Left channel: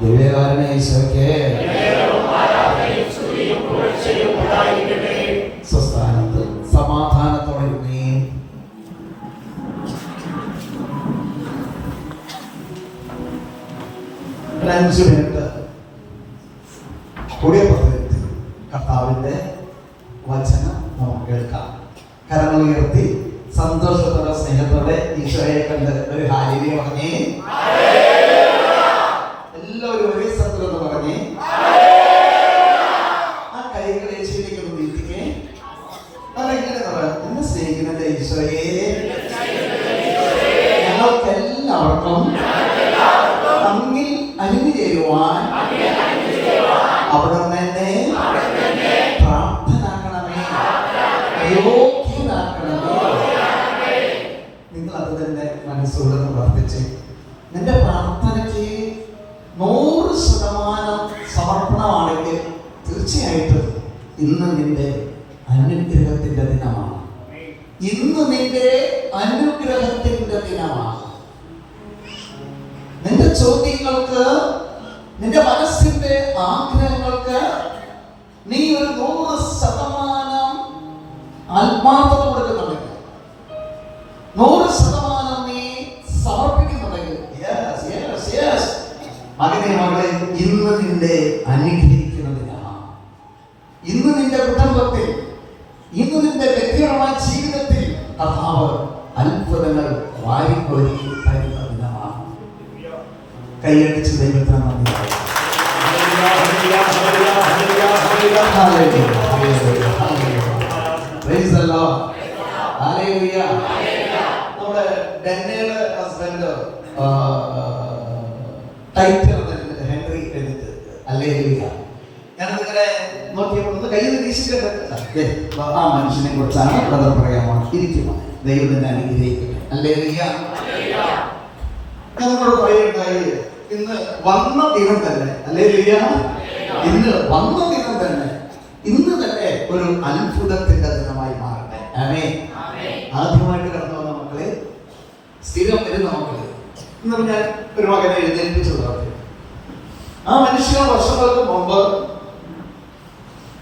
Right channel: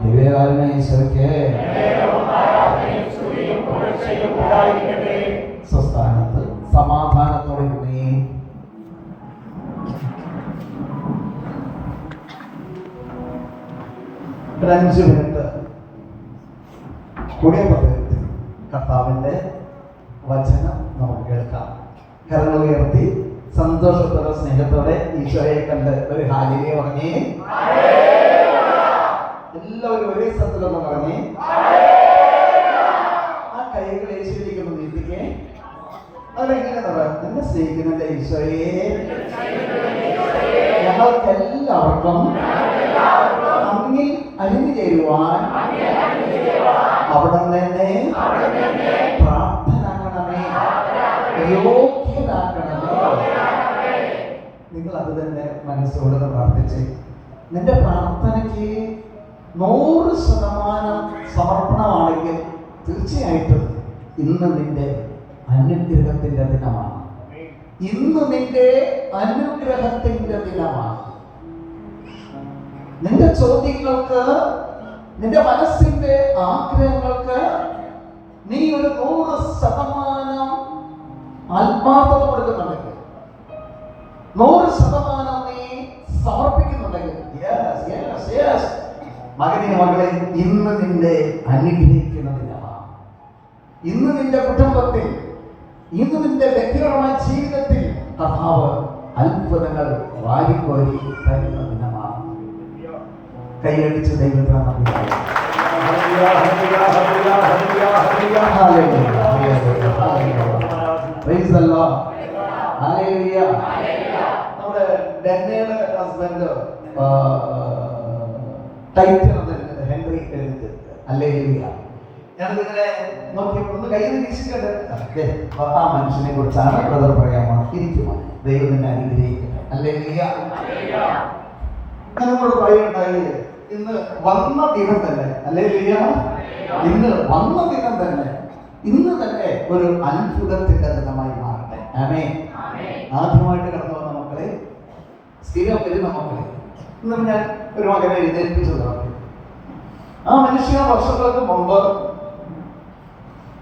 ദിവ്യകാരണ ഈശോയ്ക്ക് സ്വസ്ഥാനത്ത് സമാധാനത്തോടെ ഇരുന്നേ. ഒരു 5 മിനിറ്റ് പുതിയ പദ്ധതി കർത്താവിന്റെ വചനം നമുക്ക് കേൾക്കാം. കരങ്ങൾ ഉയർത്തി സന്തോഷത്തോടെ സ്നേഹത്തോടെ ഈശോയെ കണ്ട് ഒരു ഹാലേലൂയ പറഞ്ഞേ. എല്ലാവരും ഒരേ സ്ഥലത്തുണ്ടെന്ന് പറഞ്ഞേ. ആ കൈകൾ യേശുവിലേക്ക് ഒന്ന് നീട്ടിക്കേ. അതെങ്ങനെ പറയാം? എന്നെ സ്നേഹിക്കുന്ന ഈശോയെ, ഞങ്ങൾക്ക് എല്ലാവർക്കും തമ്മിൽ അലിഞ്ഞു ചേരുവാൻ അവിടെ തന്നെ പ്രാപ്തനാക്കണമേ, യോഗ്യനാക്കണമേ. നിങ്ങൾ അത് തന്നെ മനസ്സോടെ പ്രാർത്ഥിച്ച് നിന്റെ പ്രാർത്ഥനയ്ക്ക് 100% സമർപ്പണമാണെങ്കിൽ തീർച്ചയായിട്ടും ഇന്ന് നിന്റെ അനുഗ്രഹത്തിന്റെ ദിനമാണ്. ഇന്ന് നിന്റെ അനുഗ്രഹത്തിന്റെ ദിനമാണ്. നിന്റെ ചോദ്യങ്ങൾക്ക്, നിന്റെ മനസ്സിന്റെ ആഗ്രഹങ്ങൾക്ക് നീ ഒരു 100% ആത്മാർത്ഥത കൊടുക്കുന്നുണ്ടെങ്കിൽ, 100% നീ സമർപ്പിക്കുന്നുണ്ടെങ്കിൽ, മകനെ മകളെ, ഇന്ന് നിന്റെ അനുഗ്രഹിക്കുന്ന ദിനമാണ്. ഇന്ന് നിന്റെ കുടുംബത്തിൽ, ഇന്ന് നിന്റെ വ്യക്തിപരമായ ജീവിതത്തിൽ കർത്താവ് അത്ഭുതങ്ങൾ വാരിക്കോരി തരുന്ന ദിനമാണ്. കൈയടിച്ച് ദൈവത്തെ നമ്മുടെ ഡാനിയേൽ ഹസ്ബൻഡ് ടൈറ്റിൽ ഹെൻറി എഴുതിട്ട് ഹല്ലേലൂയ. ഞാനതിങ്ങനെ നോക്കിയപ്പോൾ ഒന്ന് കയ്യിൽ വീശിക്കട്ടെ. ആ മനുഷ്യനെ കുറിച്ചാണ് അത് പറയാമോ? ഇരിക്കുമോ? ദൈവം തന്നെ അനുഗ്രഹിക്കട്ടെ. ഹല്ലേലൂയ. ഞങ്ങളോട് പറയുകയുണ്ടായി, ഇന്ന് വന്ന ദിനം തന്നെ, ഹല്ലേലൂയ, ഇന്ന് വന്ന ദിനം തന്നെ, ഇന്ന് തന്നെ ഒരു അത്ഭുതത്തിന്റെ ദിനമായി മാറട്ടെ. ആമേൻ. ആദ്യമായിട്ട് കടന്നു വന്ന മക്കളെ, സ്ഥിരം വരുന്ന മക്കളെ, ഇന്ന് ഞാൻ ഒരു മകനെ എഴുന്നേൽപ്പിച്ചു നടത്തി. ആ മനുഷ്യൻ വർഷങ്ങൾക്ക് മുമ്പ്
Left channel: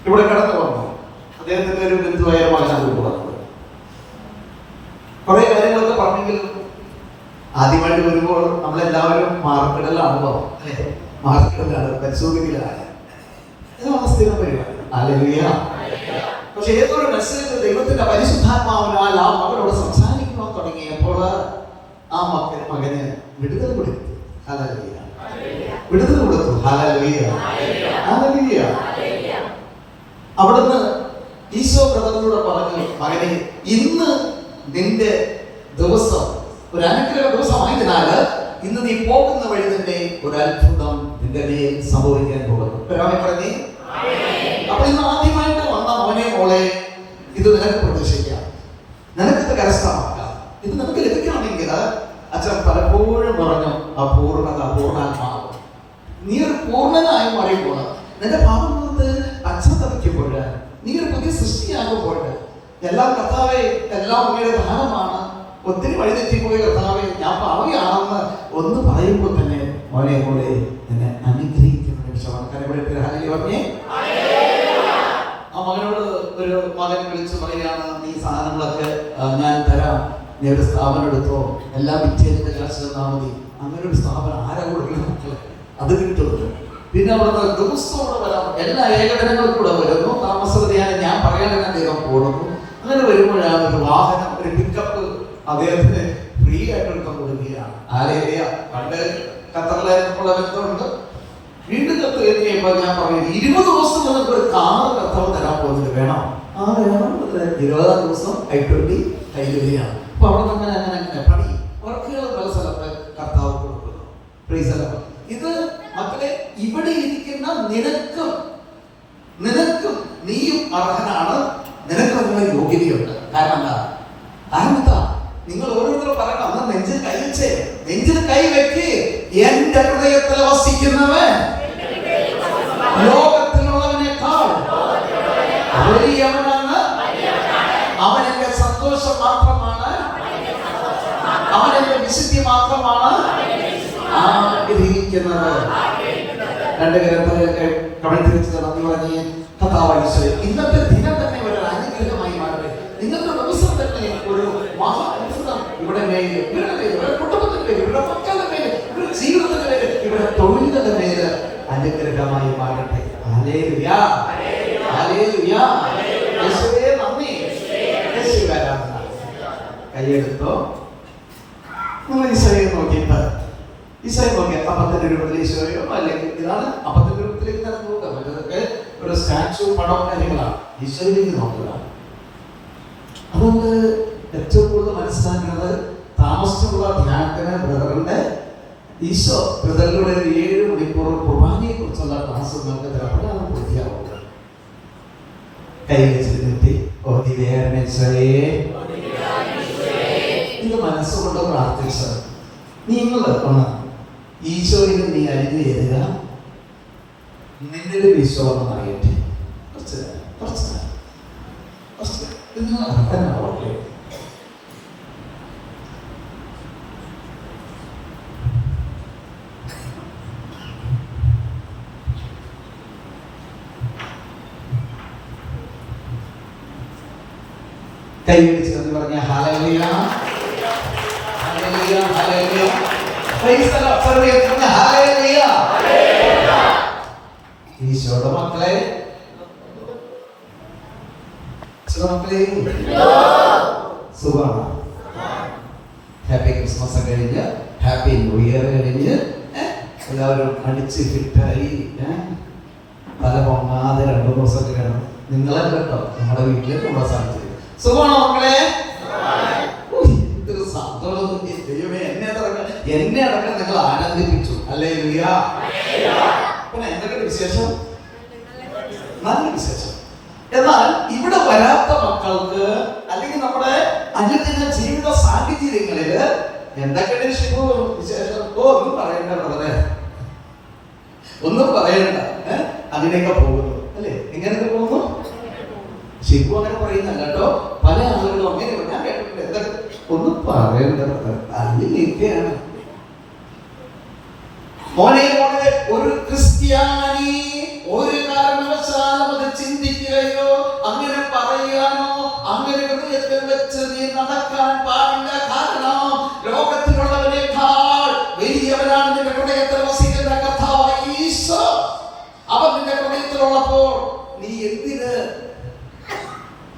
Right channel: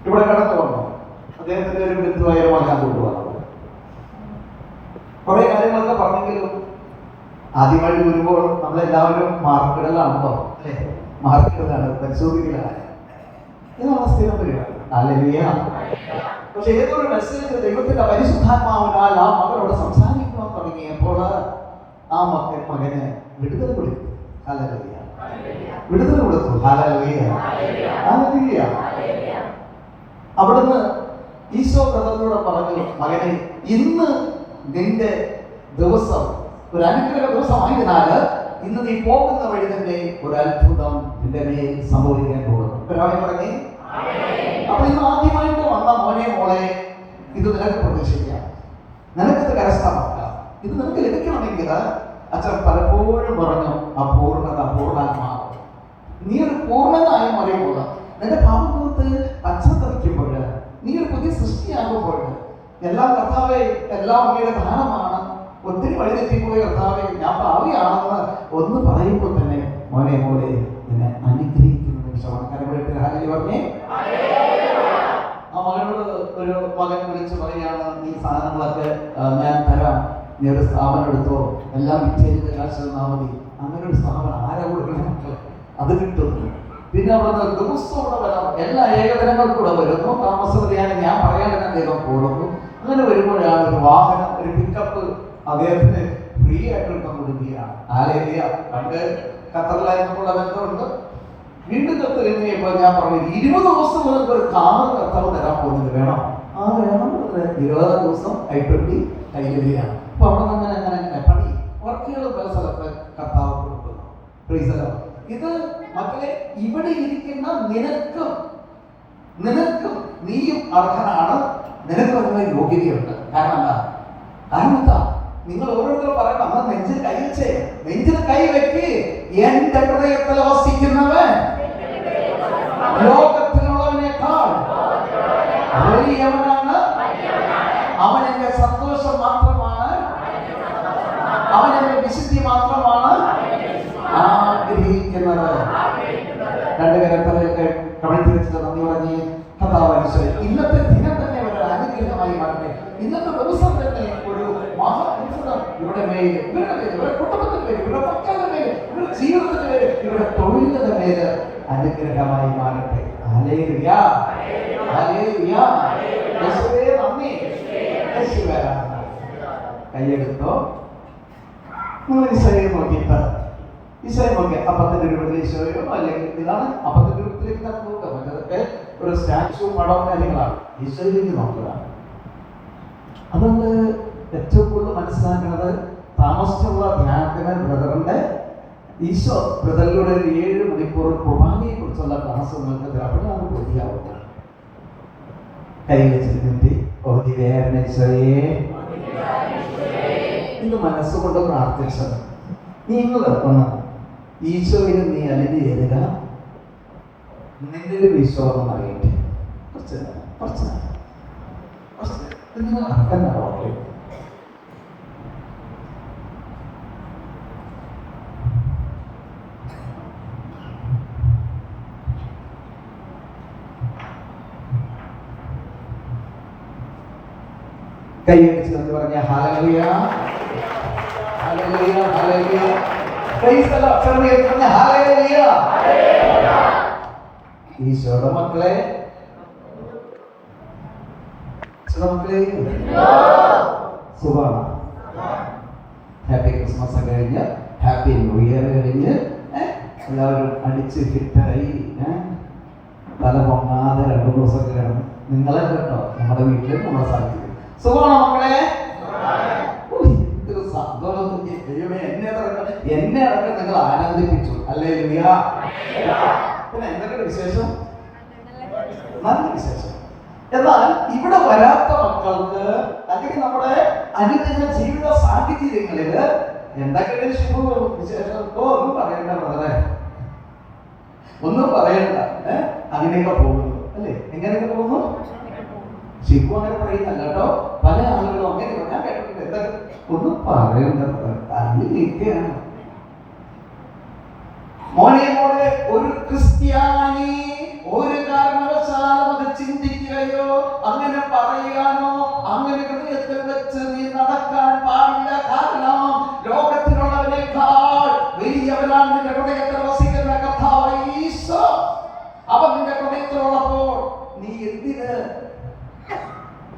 ഇവിടെ കടന്നു വന്നു. അദ്ദേഹത്തിന്റെ ഒരു ബന്ധുവായ മകനെ കൊണ്ടുവന്നത്. കുറെ കാര്യങ്ങളൊക്കെ പറഞ്ഞെങ്കിലും ആദ്യമായിട്ട് വരുമ്പോൾ നമ്മളെല്ലാവരും മാർക്കിടലാണല്ലോ, അല്ലെ? മാർക്കിടലാണ്, പരിശോധിക്കലാണ്. സ്ഥിരം പരിപാടി. ഹല്ലേലൂയ. പക്ഷെ ഏതൊരു മെസ്സേജ് ദൈവത്തിന്റെ പരിശുദ്ധാത്മാവിനാൽ ആ മകളോട് സംസാരിക്കുവാൻ തുടങ്ങിയപ്പോൾ ആ മകന് വിടുതൽ കൊടുത്തു. ഹല്ലേലൂയ. വിടുതൽ കൊടുത്തു. ഹല്ലേലൂയ. ഹല്ലേലൂയ. അവിടുന്ന് ഈശോ ബ്രദറിനോട് പറഞ്ഞു, മകനെ, ഇന്ന് നിന്റെ ദിവസം ഒരു അനുഗ്രഹ ദിവസമായതിനാൽ ഇന്ന് നീ പോകുന്ന വഴി തന്നെ ഒരു അത്ഭുതം നിന്റെ മേൽ സംഭവിക്കാൻ പോകുന്നു. പറഞ്ഞേ. അപ്പൊ ഇന്ന് ആദ്യമായിട്ട് വന്ന മോനെ, മോളെ, ഇത് നിനക്ക് പ്രതീക്ഷിക്കാം, നിനക്കത് കരസ്ഥമാക്കാം. ഇത് നിനക്ക് ലഭിക്കണമെങ്കിൽ അച്ഛൻ പലപ്പോഴും പറഞ്ഞു, ആ പൂർണ്ണത, പൂർണ്ണാത്മാവ്, നീ ഒരു പൂർണ്ണനായി മാറിയപ്പോൾ, നിന്റെ പാപത്ത് പശ്ചാത്തപിക്കുമ്പോൾ, നീ ഒരു പുതിയ സൃഷ്ടിയാകുമ്പോൾ, എല്ലാം കർത്താവേ, എല്ലാം അങ്ങയുടെ ദാനമാണ്, ഒത്തിരി വഴിതെറ്റിപ്പോയ കർത്താവേ, ഞാൻ പാവിയാണെന്ന് ഒന്ന് പറയുമ്പോൾ തന്നെ മോനെ, മോളെ, നിന്നെ അനുഗ്രഹിക്കുന്ന നിമിഷമാണ്. കരവിടത്തിൽ ഹല്ലേലൂയ പറഞ്ഞേ. ആ മകനോട് ഒരു മകൻ വിളിച്ച് പറയാണ്, നീ സാധനങ്ങളൊക്കെ ഞാൻ തരാം, നീ ഒരു സ്ഥാപനം എടുത്തോ, എല്ലാം വിറ്റേജിന്റെ കാശ് തന്നാൽ മതി. അങ്ങനെ ഒരു സ്ഥാപനം ആരാ കൊടുക്കണം? അത് കിട്ടും. പിന്നെ അവിടുന്ന് ദിവസവും കൂടെ വരാം, എല്ലാ ഏകദിനങ്ങളും കൂടെ വരുന്നു. താമസത്തെയാണ് ഞാൻ പറയാൻ ദൈവം കൊടുക്കും. അങ്ങനെ വരുമ്പോഴാണ് ഒരു വാഹനം, ഒരു പിക്കപ്പ് അദ്ദേഹത്തിന് ഫ്രീ ആയിട്ട് എടുക്കാൻ കൊടുക്കുകയാണ്. ഹല്ലേലൂയ. പണ്ട് ഖത്തറിലായിരുന്നപ്പോൾ ബന്ധമുണ്ട്. വീണ്ടും കത്ത് കഴിഞ്ഞപ്പോൾ ഞാൻ പറഞ്ഞു, 20 ദിവസം നിങ്ങൾക്ക് ഒരു കാറ് കർത്താവ് തരാൻ പോകുന്നത് വേണം. ആ വേണം. 20-ാം ദിവസം I-20 കയ്യിൽ വരികയാണ്. അപ്പൊ അവിടെ നിന്ന് അങ്ങനെ പണി വർക്കുകൾ പല സ്ഥലത്ത് കർത്താവ് കൊടുക്കുന്നു. Praise the Lord. ഇത് മക്കളെ, ഇവിടെ ഇരിക്കുന്ന നിനക്കും നീയും അർഹനാണ്. നിനക്ക് അതിനുള്ള യോഗ്യതയുണ്ട്. കാരണം എന്താ? നിങ്ങൾ ഓരോരുത്തരും പറയണം, അന്ന് നെഞ്ചിൽ കൈ വെച്ചേ, നെഞ്ചിൽ കൈ വെക്ക്. എന്റെ ഹൃദയത്തിൽ വസിക്കുന്നവൻ ലോകത്തിലുള്ളവനേക്കാൾ വലിയവനാണ്. അവൻ എന്റെ സന്തോഷം മാത്രമാണ്, അവൻ എന്റെ വിശുദ്ധി മാത്രമാണ് ആഗ്രഹിക്കുന്നത്. രണ്ട് കരത്തിലൊക്കെ കമഴ്ത്തിരിച്ചത് നന്ദി പറഞ്ഞ് കർത്താവായ ഈശോയെ ഇന്നത്തെ ദിനം തന്നെ ഒരു അനുഗ്രഹമായി മാറട്ടെ. ഇന്നത്തെ ദിവസം തന്നെ ഒരു മഹാ അത്ഭുതം ഇവിടെ മേല്, ഇവരുടെ പേര്, ഇവരുടെ കുടുംബത്തിന്റെ പേര്, ഇവരുടെ മക്കളുടെ പേര്, ഇവരുടെ ജീവിതത്തിന്റെ പേര്, ഇവരുടെ തൊഴിലിന്റെ പേര് അനുഗ്രഹമായി മാറട്ടെ. Hallelujah, hallelujah. യേശുവേ നന്ദി, യേശുവേ ആരാധന. കൈയെടുത്തോ. നിങ്ങൾ ഈശോയെ നോക്കിയിട്ട് ഈശോയെ നോക്കി അപ്പത്തിന്റെ രൂപത്തിൽ ഈശോയോ അല്ലെങ്കിൽ ഇതാണ് അപ്പത്തിന്റെ രൂപത്തിലേക്ക് നടന്നു നോക്കുക. മറ്റേതൊക്കെ ഒരു സ്റ്റാച്ചു പടവും കാര്യങ്ങളാണ്. ഈശോയിലേക്ക് നോക്കുക. അതുകൊണ്ട് ഏറ്റവും കൂടുതൽ മനസ്സിലാക്കുന്നത് താമസിച്ചുള്ള ധ്യാനത്തിന് ബ്രദറിന്റെ ഈശോ ബ്രദറിലൂടെ 7 മണിക്കൂർ കുർബാനയെ കുറിച്ചുള്ള ക്ലാസ് നിങ്ങൾക്ക് തരപ്പെടാൻ പൂർത്തിയാവുക. കൈ വെച്ചിരുന്നിട്ട് ഇത് മനസ്സുകൊണ്ട് പ്രാർത്ഥിച്ചത് നിങ്ങൾ ഒന്ന് ഈശോയിൽ നീ അലിഞ്ഞു ചേരുക. നിന്റെ ഒരു വിശ്വാസം അറിയട്ടെ. കുറച്ച് നിങ്ങൾ അർത്ഥനാവട്ടെ. കൈ വെച്ച് പറഞ്ഞ hallelujah, hallelujah, hallelujah. Praise the Lord. പറഞ്ഞ ഹല്ലേലൂയ. ഈശോയുടെ മക്കളെ, മക്കളെ സുഖമാണ്. ഹാപ്പി ക്രിസ്മസ് കഴിഞ്ഞ് ഹാപ്പി ന്യൂ ഇയർ കഴിഞ്ഞ് എല്ലാവരും അടിച്ച് ഫിറ്റായി തല പൊങ്ങാതെ 2 ദിവസമൊക്കെ കിടന്നു. നിങ്ങളെ കേട്ടോ നമ്മുടെ വീട്ടില് നമ്മുടെ സ്ഥലത്ത് സുഖമാണോ മക്കളെ? എന്തൊരു സന്തോഷം. ദൈവമേ, എന്നെ അടക്കം നിങ്ങൾ ആനന്ദിപ്പിച്ചു. ഹല്ലേലൂയ. പിന്നെ എന്തൊക്കെ വിശേഷം? നല്ല വിശേഷം. എന്നാൽ ഇവിടെ വരാത്ത മക്കൾക്ക് അല്ലെങ്കിൽ നമ്മുടെ അനുദിന ജീവിത സാഹചര്യങ്ങളില് എന്തൊക്കെ വിശേഷം ഒന്നും പറയണ്ട ബ്രദറെ, ഒന്നും പറയണ്ട. അങ്ങനെയൊക്കെ പോകുന്നു അല്ലേ? എങ്ങനെയൊക്കെ പോകുന്നു? ശിവു അങ്ങനെ പറയുന്നല്ല കേട്ടോ. പല ആളുകളും അങ്ങനെ ഞാൻ കേട്ടിട്ടുണ്ട്. എന്തൊക്കെ ഒന്നും പറയണ്ട, അങ്ങനെയൊക്കെയാണ്. മോനെ ഒരു ക്രിസ്ത്യാനി ഒരു കാരണവശാലും അത് ചിന്തിക്കുകയോ അങ്ങനെ പറയാനോ അങ്ങനെ ഹൃദയത്തിൽ വെച്ച് നീ നടക്കാൻ പാടില്ല. കാരണം ലോകത്തിലുള്ളവനേക്കാൾ വലിയവനാണ് നിന്റെ ഹൃദയത്തിൽ വസിക്കുന്ന കർത്താവായ ഈശോ. അവൻ നിന്റെ ഹൃദയത്തിലുള്ളപ്പോൾ നീ എന്തിന്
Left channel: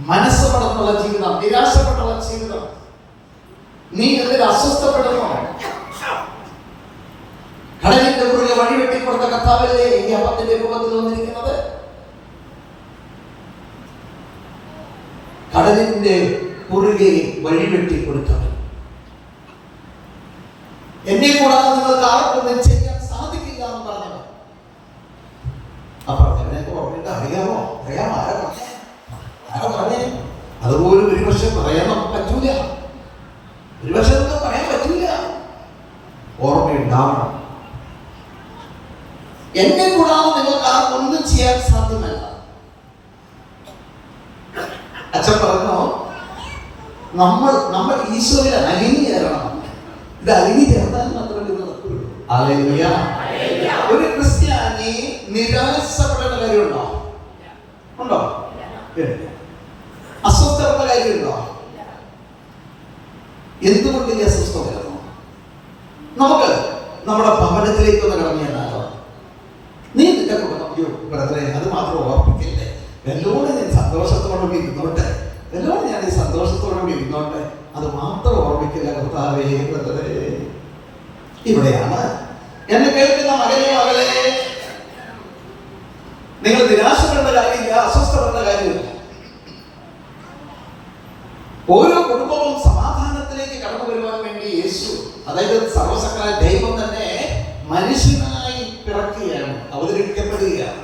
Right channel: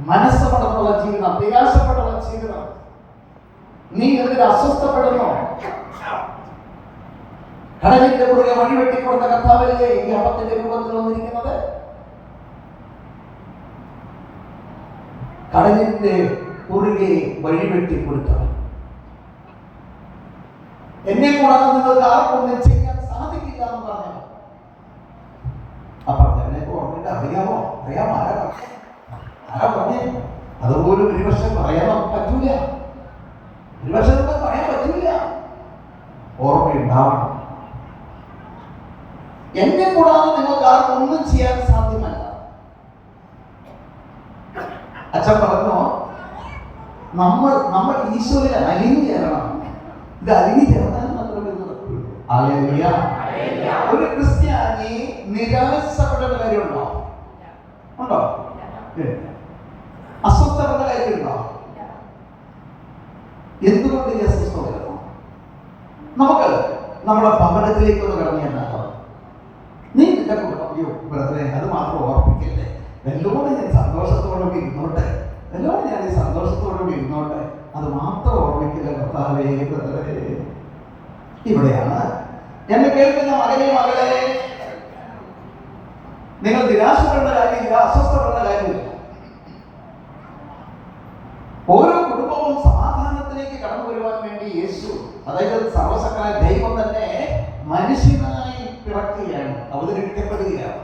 മനസ്സുപെടുന്നുള്ള ജീവിതം, നിരാശപ്പെട്ടുള്ള ജീവിതം, നീ എന്തിന് അസ്വസ്ഥപ്പെടുന്നു? കടലിന്റെ കുറുകെ വഴിവെട്ടിക്കൊടുത്ത കർത്താവല്ലേ ഈ അപ്പത്തിന്റെ രൂപത്തിൽ വന്നിരിക്കുന്നത്? കടലിന്റെ കുറുകെ വഴിവെട്ടിക്കൊടുത്തവൻ. എന്നെ കൂടാതെ നിങ്ങൾക്ക് ആർക്കൊന്നും ചെയ്യാൻ സാധിക്കില്ല എന്ന് പറഞ്ഞവൻ. ആ പറഞ്ഞവനെ ഓർമ്മയുണ്ട്? അറിയാമോ? ആരാ പറഞ്ഞേ? അതുപോലും ഒരുപക്ഷെ പറയാൻ നമുക്ക് പറ്റൂല. ഒരുപക്ഷെ നമുക്ക് പറയാൻ പറ്റൂല. ഓർമ്മയുണ്ടാവണം. എന്നെ കൂടാതെ നിങ്ങൾക്ക് ആർക്കൊന്നും ചെയ്യാൻ സാധ്യമല്ല. അച്ഛൻ പറഞ്ഞു, നമ്മൾ ഈശോയിൽ അലിഞ്ഞു ചേരണം. ഇത് അലിഞ്ഞു ചേർത്താൽ മാത്രമേ ഇത് നടക്കുള്ളൂ. ഹല്ലേലൂയ. ഒരു ക്രിസ്ത്യാനി നിരാശപ്പെടേണ്ട കാര്യമുണ്ടോ? ഉണ്ടോ? അസ്വസ്ഥപ്പെട്ട കാര്യമുണ്ടോ? എന്തുകൊണ്ട് ഈ അസ്വസ്ഥ വരുന്നു? നമുക്ക് നമ്മുടെ ഭവനത്തിലേക്ക് ഒന്ന് കടന്നു ചെന്നാലോ? നീ നിന്റെ ബ്രദറെ അത് മാത്രം ഓർമ്മിക്കില്ലേ? എല്ലോടെ ഞാൻ സന്തോഷത്തോടെ ഇരുന്നോട്ടെ, എല്ലോടെ ഞാൻ ഈ സന്തോഷത്തോടെ ഇരുന്നോട്ടെ, അത് മാത്രം ഓർമ്മിക്കില്ല. കർത്താവേ ബ്രദറെ, ഇവിടെയാണ് എന്നെ കേൾക്കുന്ന മകനെ മകളെ, നിങ്ങൾ നിരാശപ്പെടേണ്ട കാര്യമില്ല, അസ്വസ്ഥപ്പെടേണ്ട കാര്യമില്ല. ഓരോ കുടുംബവും സമാധാനത്തിലേക്ക് കടന്നു വരുവാൻ വേണ്ടി യേശു, അതായത് സർവശക്തനായ ദൈവം തന്നെ മനുഷ്യനായി പിറക്കുകയാണ്, അവതരിപ്പിക്കപ്പെടുകയാണ്.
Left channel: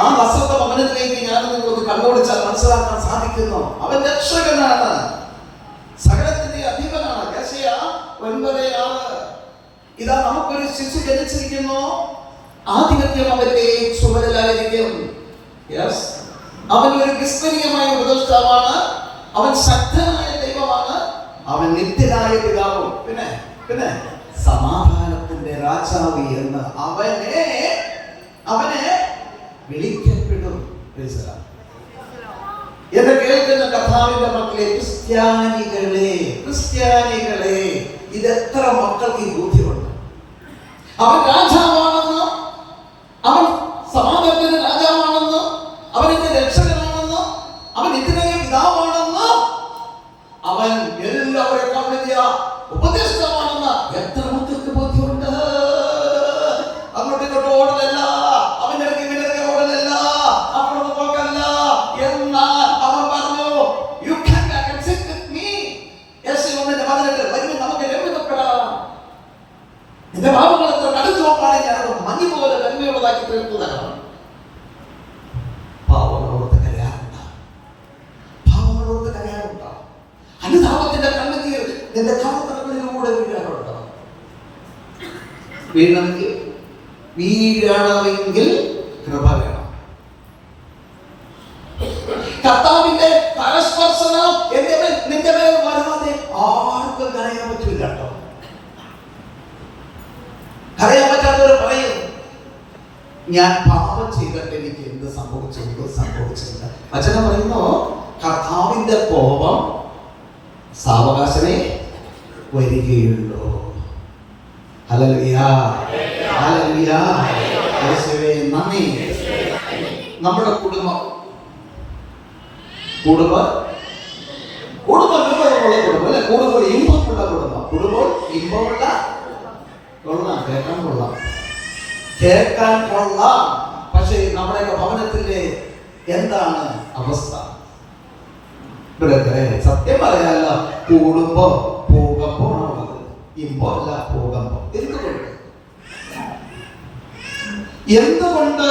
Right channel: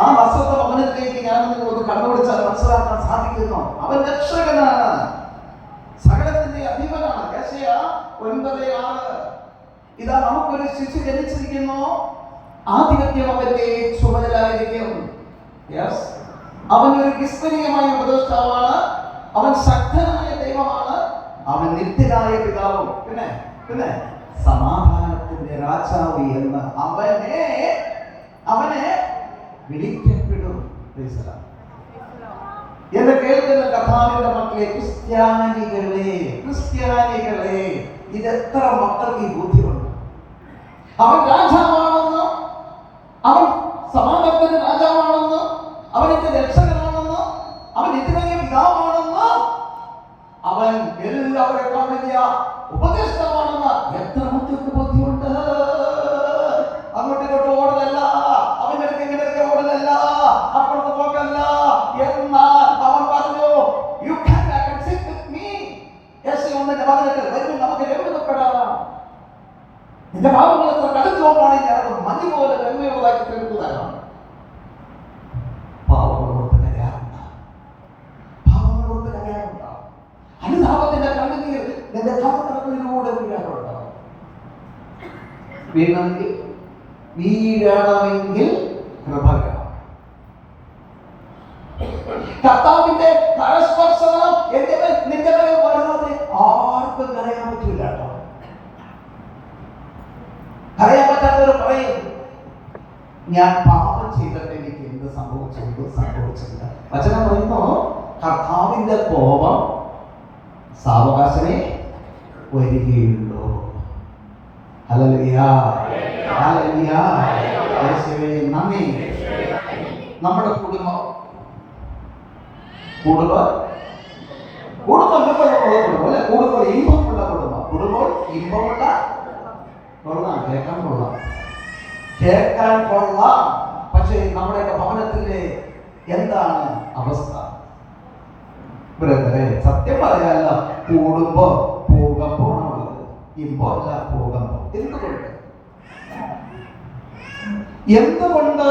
ആ നസ്രത്ത് ഭവനത്തിലേക്ക് ഞാൻ ഒന്ന് കണ്ണോടിച്ചാൽ മനസ്സിലാക്കാൻ സാധിക്കുന്നു. അവൻ രക്ഷകനാണ്, സകലത്തിന്റെ അധിപനാണ്. യെശയ്യാ 9:6. ഇതാ നമുക്കൊരു ശിശു ജനിച്ചിരിക്കുന്നു, ആധിപത്യം അവന്റെ ചുമലിലായിരിക്കും. യെസ്, അവൻ ഒരു വിസ്മരണീയമായ ഉപദേഷ്ടാവാണ്, അവൻ ശക്തനായ ദൈവമാണ്, അവൻ നിത്യനായ പിതാവും പിന്നെ സമാധാനം സമാധാനത്തിന്റെ രാജാവ് എന്ന് അവനെ വിളിക്കപ്പെടും. എന്ന് കേൾക്കുന്ന കർത്താവിന്റെ മക്കളെ, ക്രിസ്ത്യാനികളെ, ഇതെത്ര മക്കൾക്ക് ഈ ബോധ്യമുണ്ട്? അവൻ രാജാവാണെന്ന്, അവൻ സമാധാനത്തിന്റെ രാജാവാണെന്ന്, അവൻ എന്റെ രക്ഷകനാണെന്ന്, അവൻ ഇതിനകം പിതാവാണെന്ന്, അവൻ എല്ലാവരെക്കാൾ വലിയ ഉപദേഷ്ടാവാണെന്ന് എത്ര മക്കൾക്ക് ബോധ്യമുണ്ട്? അങ്ങോട്ട് ഇങ്ങോട്ട് ഓടലല്ല, അവന്റെ ഇടയ്ക്ക് ഇവന്റെ ഓടലല്ല, അപ്പുറത്ത് പോകല്ല. എന്നാൽ അവൻ പറഞ്ഞു, you can back and sit with me. യേശുവിന്റെ വചനത്തിൽ വരുമ്പോൾ നമുക്ക് രമ്യതപ്പെടാം. നിന്റെ പാപങ്ങൾ എത്ര കടുത്തുവപ്പാണെങ്കിൽ അത് മഞ്ഞ് പോലെ നന്മയുള്ളതാക്കി തീർത്തതാണ്. പാവങ്ങളോർത്ത് കരയാറുണ്ട്, പാവങ്ങളോർത്ത് കരയാറുണ്ട്. അനുതാപത്തിന്റെ കണ്ണുനീർ നിന്റെ കർത്തവ്യങ്ങളിലൂടെ വീഴാറുണ്ട്. വീഴണമെങ്കിൽ കൃപ വേണം. കർത്താവിന്റെ കരസ്പർശനം നിന്റെ മേൽ വരാതെ ആർക്കും കരയാൻ പറ്റില്ല കേട്ടോ. കരയാൻ പറ്റാത്തവർ പറയും, ഞാൻ പാപം ചെയ്തിട്ട് എനിക്ക് എന്ത് സംഭവിച്ചില്ല. വചനം പറയുന്നു, കർത്താവിന്റെ കോപം സാവകാശമേ വരികയുള്ളൂ. ഹല്ലേലൂയ, ഹല്ലേലൂയ, യേശുവേ നന്ദി. നമ്മുടെ കുടുംബം ഇമ്പമുള്ള കുടുംബം അല്ലെ, കുടുംബം ഇമ്പമുള്ള കുടുംബം ഇമ്പമുള്ള കേൾക്കാൻ കൊള്ളാം. പക്ഷേ നമ്മുടെയൊക്കെ ഭവനത്തിന്റെ എന്താണ് അവസ്ഥ? ബ്രദറെ, സത്യം പറയാനല്ല, കൂടുമ്പോ പോകുമ്പോൾ ഇമ്പല്ല, പോകുമ്പോ. എന്തുകൊണ്ട്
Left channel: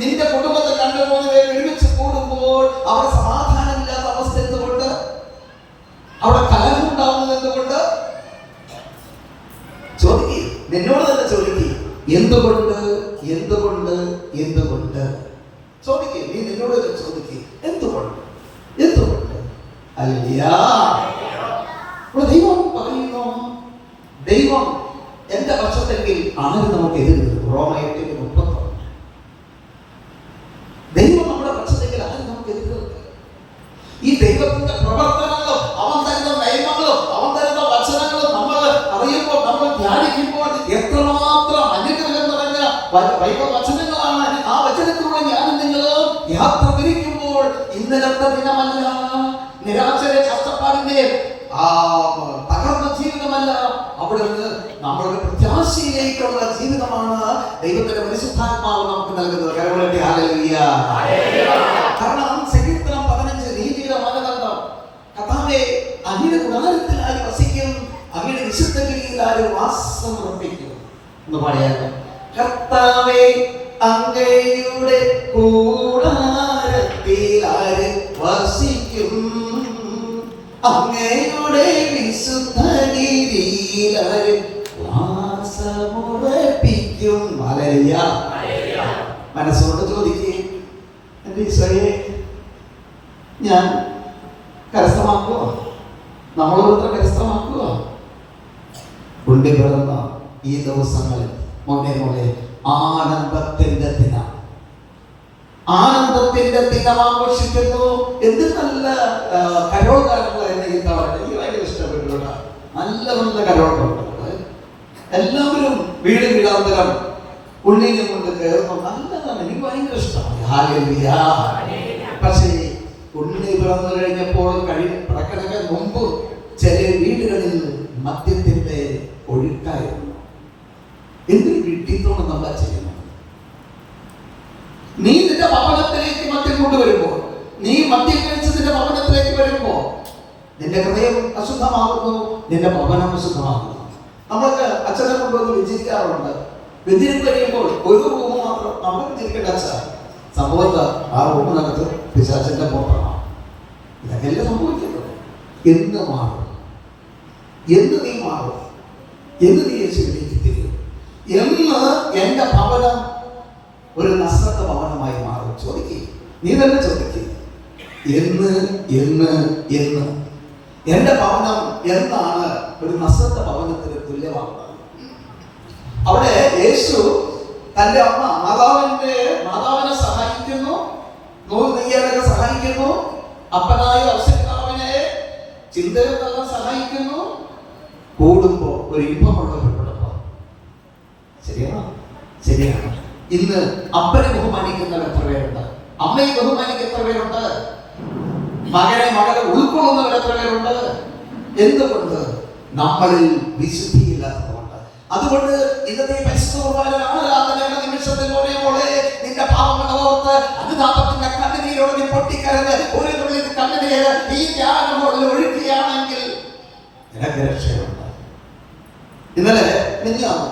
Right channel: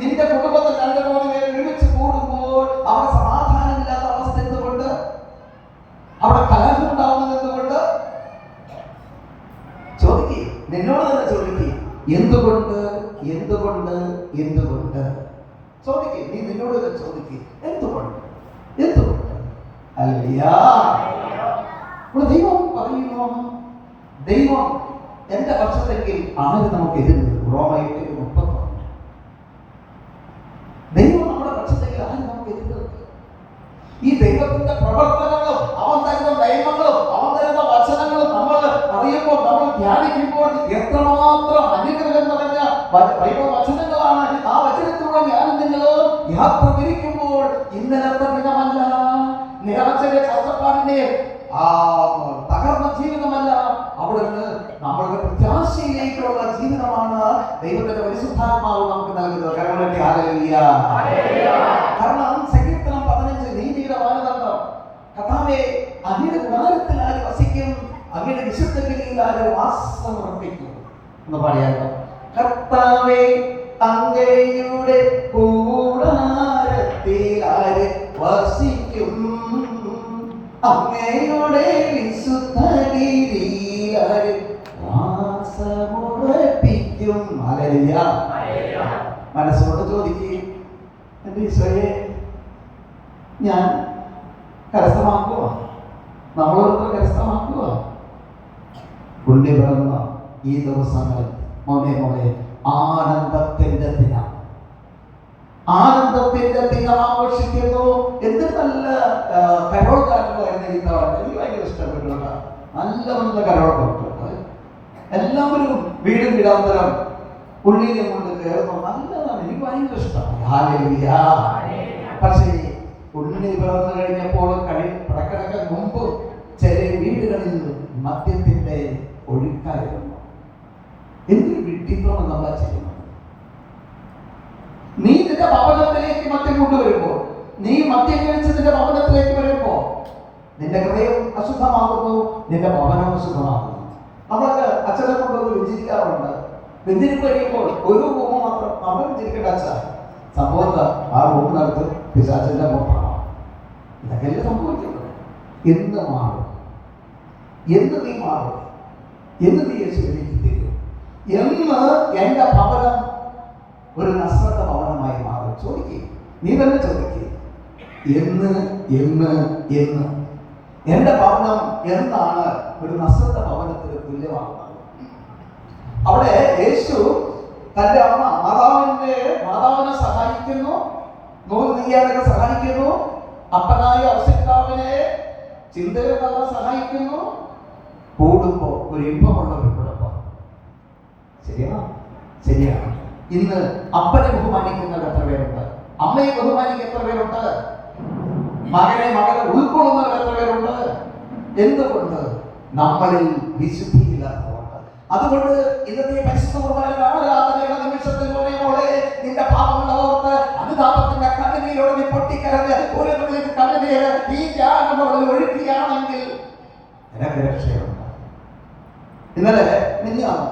നിന്റെ കുടുംബത്തിൽ 2-3 പേര് ഒരുമിച്ച് കൂടുമ്പോൾ അവിടെ സമാധാനമില്ലാത്ത അവസ്ഥ എന്തുകൊണ്ട്? അവിടെ കലഹം ഉണ്ടാവുന്നത് എന്തുകൊണ്ട്? ചോദിക്കേ, നിന്നോട് തന്നെ ചോദിക്കേ, എന്തുകൊണ്ട് ചോദിക്കേ, നീ നിന്നോട് തന്നെ ചോദിക്കേ, എന്തുകൊണ്ട്? ഹല്ലേലൂയ. ദൈവം പറയുന്നു, ദൈവം എന്റെ പക്ഷത്തെങ്കിൽ ആര് നമുക്ക് എതിർ നിൽക്കും? റോമ 8:31. ദൈവം നമ്മുടെ പക്ഷത്തെങ്കിൽ ആര് നമുക്ക് എതിർ നിൽക്കും? ഈ ദൈവത്തിന്റെ പ്രവർത്തനങ്ങളും അവൻ തരുന്ന നിയമങ്ങളും അവൻ തരുന്ന വചനങ്ങളും നമ്മൾ അറിയുമ്പോൾ, നമ്മൾ ധ്യാനിക്കുമ്പോൾ എത്രമാത്രം അനുഗ്രഹം നിറഞ്ഞ വചനങ്ങളാണ്. ആ വചനത്തിലൂടെ ഞാനും നിങ്ങളും യാത്ര തിരിക്കുമ്പോൾ ഇന്നലത്തെ ദിനമല്ല, നിരാശയുടെ കഷ്ടപ്പാടിന്റെ തകർന്ന ജീവിതമല്ല, അവിടുന്ന് നമ്മളുടെ പ്രത്യാശയിലേക്കുള്ള ജീവിതമാണ് ദൈവത്തിന്റെ പരിശുദ്ധാത്മാവ് നമുക്ക് നൽകുന്നത്. ഹല്ലേലൂയ. കാരണം സങ്കീർത്തനം 15 നീതിയുടെ മാനദണ്ഡം, കർത്താവേ അങ്ങയുടെ ഗുണാരത്തിൽ ആര് വസിക്കും, അങ്ങയുടെ വിശുദ്ധഗിരിയിൽ ആര് വാസമർപ്പിക്കും എന്ന് പറയാറ്. കർത്താവേ അങ്ങയുടെ കൂടാരത്തിൽ ആര് വസിക്കും, അങ്ങയുടെ വിശുദ്ധഗിരിയിൽ ആര് വാസമുറപ്പിക്കും. ഹല്ലേലൂയ. മനസ്സുകൊണ്ട് ചോദിക്കേ, എൻ്റെ ഈശോയെ ഞാൻ കരസ്ഥമാക്കുക, നമ്മളോട് കരസ്ഥമാക്കുക. ഉണ്ണി പിറന്ന ഈ ദിവസങ്ങളിൽ മോനെ ആനന്ദത്തിന്റെ ദിനം ആഘോഷിക്കുന്നു. എന്ത് നല്ല കരോൾ ഗാനങ്ങളായിരുന്നു ഈ തവണ. എനിക്ക് ഭയങ്കര ഇഷ്ടപ്പെട്ടു. നല്ല കരോൾ പാട്ടുകൾ. എല്ലാവരും വീടാന്തരം ഉള്ളിനെ കൊണ്ട് കയറുന്നു. നല്ലതാണ്, എനിക്ക് ഭയങ്കര ഇഷ്ടമാണ്. ഹല്ലേലൂയ. പക്ഷേ ഉണ്ണി പിറന്നു കഴിഞ്ഞപ്പോൾ പിറക്കണക്ക് മുമ്പ് ചില വീടുകളിൽ മദ്യത്തിന്റെ ഒഴുക്കായിരുന്നു. എന്തൊരു വിഡ്ഢിത്തമാണ് നമ്മൾ ചെയ്യുന്നത്. നീ നിന്റെ ഭവനത്തിലേക്ക് മദ്യം കൊണ്ടുവരുമ്പോൾ, നീ മദ്യം കഴിച്ച് നിന്റെ ഭവനത്തിലേക്ക് വരുമ്പോൾ നിന്റെ ഹൃദയം അശുദ്ധമാകുന്നു, നിന്റെ ഭവനം അശുദ്ധമാകുന്നു. നമ്മൾക്ക് അച്ഛനെ കൊണ്ടുവന്ന് വ്യഞ്ചരിക്കാറുണ്ട്. വ്യഞ്ചരിപ്പ് കഴിയുമ്പോൾ ഒരു റൂം മാത്രം നമ്മൾ വ്യഞ്ചരിക്കേണ്ട അച്ഛ. സംഭവത്ത് ആ റൂമിനകത്ത് പിശാചിന്റെ മോഹമാണ്. ഇതൊക്കെയല്ലേ സംഭവിക്കുന്നത്. എന്ന് മാറും, എന്ന് നീ മാറും, എന്ന് നീ യേശുവിലേക്ക് തിരിയും, എന്ന് എന്റെ ഭവനം ഒരു നസ്രത്ത ഭവനമായി മാറും. ചോദിക്കേ, നീ തന്നെ ചോദിക്കേ, എന്ന് എന്റെ ഭവനം എന്നാണ് ഒരു നസ്രത്ത ഭവനത്തിന് തുല്യമാകുന്നത്? അവിടെ യേശു തന്റെ അമ്മ മാതാവിനെ സഹായിക്കുന്നു, നൂൽ നെയ്യാനൊക്കെ സഹായിക്കുന്നു, അപ്പനായ ഔസപിതാവിനെ ചിന്തകൾ തള്ളാൻ സഹായിക്കുന്നു. കൂടുമ്പോ ഒരു ഇമ്പമുള്ള ഒരു കുടുംബം. ശരിയാണോ? ശരിയാണ്. ഇന്ന് അപ്പനെ ബഹുമാനിക്കുന്നവർ എത്ര പേരുണ്ട്? അമ്മയെ ബഹുമാനിക്കുന്ന എത്ര പേരുണ്ട്? മകനെ ഉൾക്കൊള്ളുന്നവർ എത്ര പേരുണ്ട്? എന്തുകൊണ്ട്? നമ്മളിൽ വിശുദ്ധിയില്ലാത്തതുകൊണ്ട്. അതുകൊണ്ട് ഇന്നത്തെ പരിശുദ്ധ കുർബാനയിലാണ് നിമിഷത്തിൽ മോളെ നിന്റെ പാപങ്ങൾ ഓർത്ത് അനുതാപത്തിന്റെ കണ്ണുനീരോട് നീ പൊട്ടിക്കരഞ്ഞ് ഒരു തുള്ളി കണ്ണുനീര് ഈ ധ്യാനമോട് ഒഴുക്കുകയാണെങ്കിൽ നിനക്ക് രക്ഷയുണ്ട്. ഇന്നലെ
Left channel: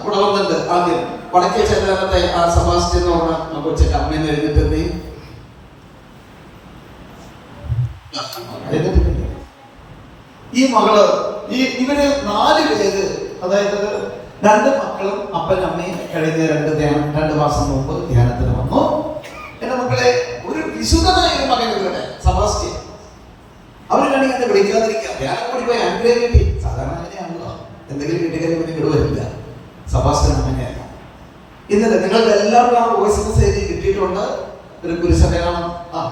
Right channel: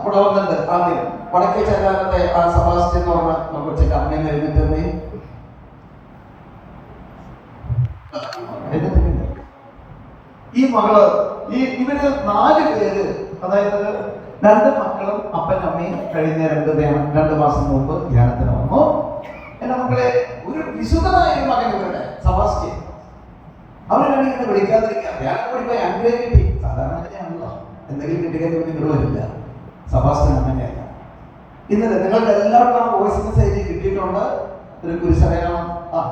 ഇവിടെ വന്നിട്ട് ആദ്യം വടക്കേ ചൈതാനത്തെ ആ സെബാസ്റ്റ്യൻ എന്ന് പറഞ്ഞ കൊച്ചിന്റെ അമ്മയെന്ന് എഴുതിട്ടുണ്ടേ. ഈ മകള് ഇവര് 4 പേര്, അതായത് 2 മക്കളും അപ്പനും അമ്മയും കഴിഞ്ഞ 2 മാസം മുമ്പ് ധ്യാനത്തിന് വന്നു. എന്റെ മക്കളെ, ഒരു വിശുദ്ധമായ ഒരു മകൻ ഇവരുടെ സെബാസ്റ്റ്യൻ. അവരാണെങ്കിൽ എന്നെ വിളിക്കാതിരിക്കാം, ധ്യാനം കൂടി പോയി അനുഗ്രഹിക്കട്ടെ. സാധാരണ അങ്ങനെയാണല്ലോ, എന്തെങ്കിലും കിട്ടിക്കഴിഞ്ഞാൽ ഇങ്ങോട്ട് വരില്ല. സെബാസ്റ്റ്യൻ അങ്ങനെയല്ല. ഇന്നലെ നിങ്ങൾക്ക് എല്ലാവർക്കും ആ വോയിസ് മെസ്സേജ് കിട്ടിയിട്ടുണ്ട്. ഒരു കുരിശടയാളം,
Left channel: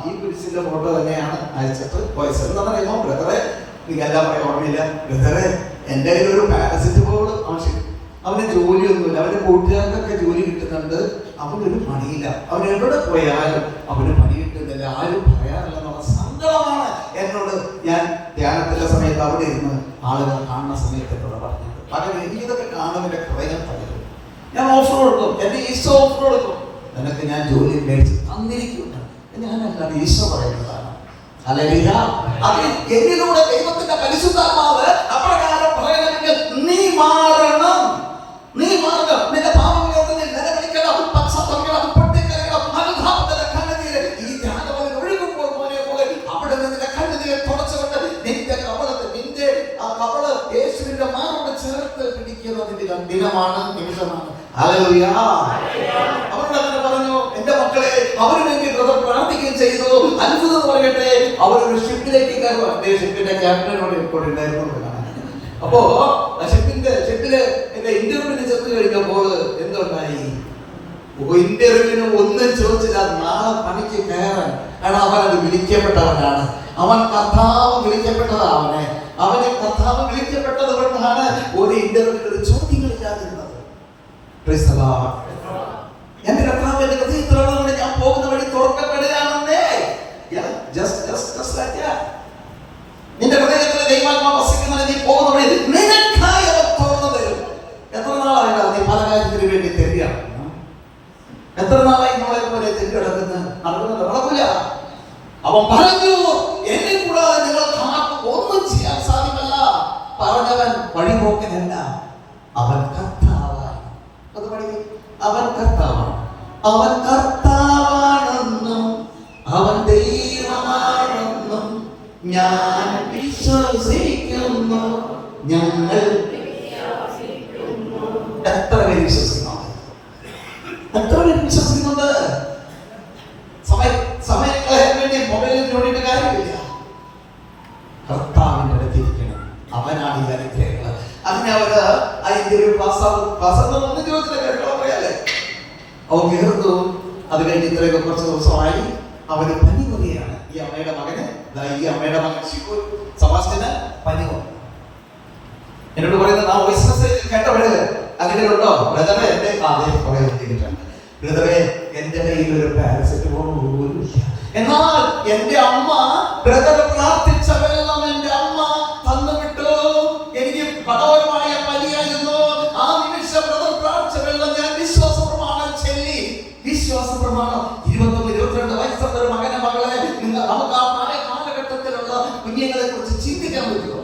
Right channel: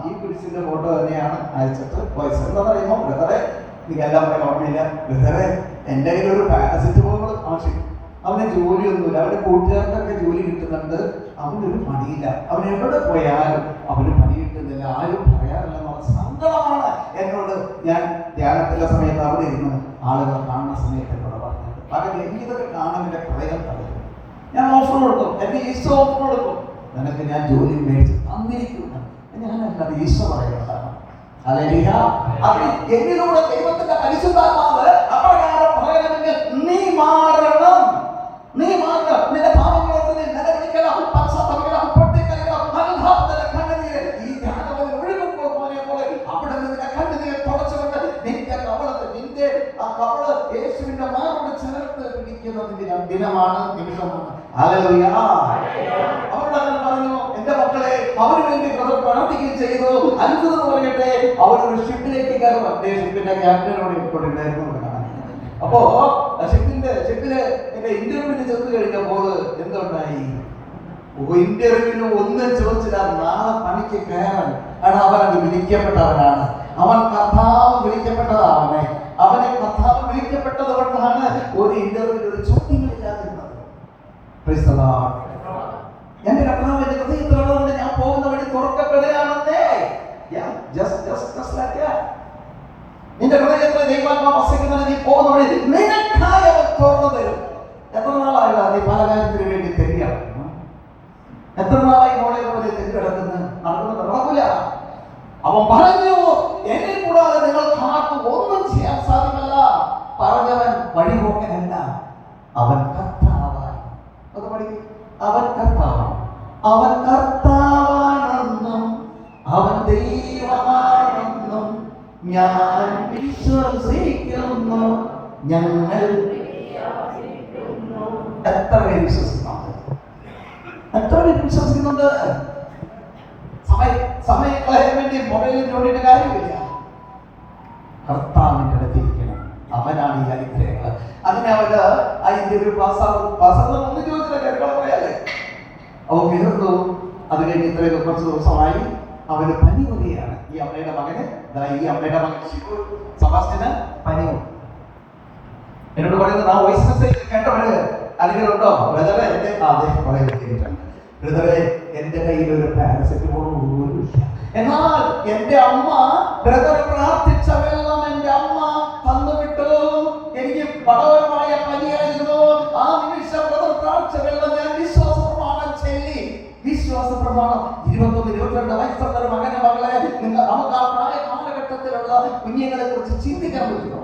ഈ കുരിശിന്റെ ഫോട്ടോ തന്നെയാണ് അയച്ചിട്ട് വോയിസ്. എന്താണെന്നറിയുമോ ബ്രദറെ, എനിക്ക് എല്ലാം ഓർമ്മയില്ല ബ്രദറെ, എൻ്റെ കയ്യിൽ ഒരു പാരസിറ്റമോൾ ആവശ്യം. അവന് ജോലിയൊന്നുമില്ല, അവന്റെ കൂട്ടുകാർക്കൊക്കെ ജോലി കിട്ടുന്നുണ്ട്, അവനൊരു പണിയില്ല. അവൻ എവിടെ പോയാലും അവന് പണി കിട്ടുന്നില്ല, ആരും പറയാറില്ല എന്നുള്ള സങ്കടമാണ് എന്നോട്. ഞാൻ ധ്യാനത്തിന്റെ സമയത്ത് അവിടെ ഇരുന്ന് ആളുകൾ കാണുന്ന സമയത്ത് എന്നോട് പറഞ്ഞത്, പകരം എനിക്കിതൊക്കെ കാണുന്നതിന്റെ ഹൃദയം തകരും. ഞാൻ ഓഫർ കൊടുക്കും, എന്റെ ഈശോ ഓഫർ കൊടുക്കും, നിനക്ക് ഞാൻ ജോലി മേടിച്ച് തന്നിരിക്കും. ഞാനല്ല, ഈശോ പറയുന്നതാണ്. ഹല്ലേലൂയ. അതിന് എന്നിലൂടെ ദൈവത്തിന്റെ പരിശുദ്ധാത്മാവ് അപ്രകാരം പറയണമെങ്കിൽ നീ മാറണം. നിന്റെ പാപങ്ങളോട് നീ നിലവിളിക്കണം, പശ്ചാത്തപിക്കണം, പൊട്ടിക്കരയണം. അനുതാപത്തിന്റെ കണ്ണുനീര് ഈ ധ്യാനത്തിൽ ഒഴുകുമ്പോൾ പോലെ അവിടെ നിന്റെ കണ്ണുനീര് തുടച്ചുകൊണ്ട് നിന്റെ കവള് യേശുവിന്റെ മാറോട് ചേർത്ത് പിടിക്കുന്നതിന്റെ ദിനമാണ്, നിമിഷമാണ്. ഹല്ലേലൂയ. അവരോട് അങ്ങനെ പറഞ്ഞു, എന്റെ മക്കളെ, അവന് വേണ്ടി പ്രാർത്ഥിക്കുകയും ചെയ്തു. അത്ഭുതം പറയട്ടെ, അവരൊരു ഷിപ്പിലേക്ക് കയറുവാൻ. ഷിപ്പിന്റെ ക്യാപ്റ്റനോട് കൂടെ ഉണ്ടായിരുന്നു. അപ്പോ ഷിപ്പില് എന്റെ ഇന്റർവ്യൂവിന് ചെന്ന് കഴിഞ്ഞപ്പോൾ എന്തുണ്ടായി? ഇന്റർവ്യൂവിന് ഒന്നും ചോദിച്ചില്ല, നാളെ പണിക്ക് കയറാൻ. കാരണം അവനത് വിളിക്കപ്പെട്ടവനാണ്. അവൻ കർത്താവ് വിളിക്കപ്പെട്ടതാ. അവനെ കർത്താവ് വിളിക്കപ്പെട്ടത് കൊണ്ടാണ് ഒരു ഇന്റർവ്യൂവിൽ ഒരു ചോദ്യങ്ങളില്ലാതിരുന്നത്. എന്റെ കർത്താവ് എന്റെ ഹൃദയത്തിലുള്ളതുകൊണ്ട് ഞാൻ പോകുന്ന വഴി തുറക്കപ്പെടുകയാണെന്നേ. നിന്റെ ഹൃദയത്തിൽ ദൈവാത്മാവ് വസിക്കുന്നതിന് നീ പോകുന്ന വഴി നിനക്കായി അവൻ തുറന്നു തരും. എത്ര നാളായില്ല നീ പല കാര്യത്തിന് വേണ്ടി തെറ്റിയാണ്? എത്ര നാളായി മോളെ പോലെ തെറ്റി നടക്കൂല. അവൻ പറഞ്ഞു, എന്നെ കൂടാതെ നിങ്ങൾക്ക് ആർക്കും ഒന്നും ചെയ്യാൻ സാധ്യമല്ല. പറഞ്ഞവൻ വഴിപോക്കനല്ല, അവൻ കർത്താവാണ്. അത് പഠിക്കും. അവൻ കർത്താവാണ്, അവൻ കർത്താവാണെന്നും അവൻ ദൈവമാണെന്നും ഞാൻ വിശ്വസിക്കുന്നു. ഞങ്ങൾ എത്ര പേര് വിശ്വസിക്കുന്നുണ്ട്? എത്ര പേര് വിശ്വസിക്കുന്നുണ്ട്? സമയം കളയാൻ വേണ്ടി മൊബൈലിൽ നോക്കിയിട്ട് കാര്യമില്ല. കർത്താവിന്റെ അടുത്തിരിക്കണം, അവനാണ് ഈ അനുഗ്രഹങ്ങൾ. അങ്ങനെ അവര് ആ ഇന്റർവ്യൂ പാസ്സാകുന്നു ചോദിച്ചില്ല, കേൾക്കണം പറയാല്ലേ. അവൻ കയറുന്നു. അത് കഴിഞ്ഞ് ഇത്രയൊക്കെ കുറച്ച് ദിവസമായി അവന് പനി വരികയാണ്. ഈ അമ്മയുടെ മകൻ സെബാസ്റ്റ്യന് പനി വന്നു. എന്നോട് പറയുന്നത്, ആ വോയിസ് മെസ്സേജ് കേട്ടവര് അല്ലെങ്കിൽ ഉണ്ടോ ബ്രദറെ? ബ്രദറെ, എന്റെ കയ്യിൽ ഒരു പാരസെറ്റമോൾ പോലും ഇല്ല. എന്നാൽ എന്റെ അമ്മ ബ്രദർ പ്രാർത്ഥിച്ച വെള്ളം എന്റെ അമ്മ തന്നുവിട്ടു. എനിക്ക് കടോരമായ പനിയായിരുന്നു. ആ നിമിഷം ബ്രദർ പ്രാർത്ഥിച്ച വെള്ളം ഞാൻ വിശ്വാസ പ്രമാണം ചൊല്ലി. വിശ്വാസ പ്രമാണം 21-22 വയസ്സുള്ള ഒരു മകനെ മകളെ നമുക്ക് ആ കാലഘട്ടത്തിലുള്ള കുഞ്ഞുങ്ങളെ കുറിച്ച് ചിന്തിക്കാൻ പറ്റുമോ?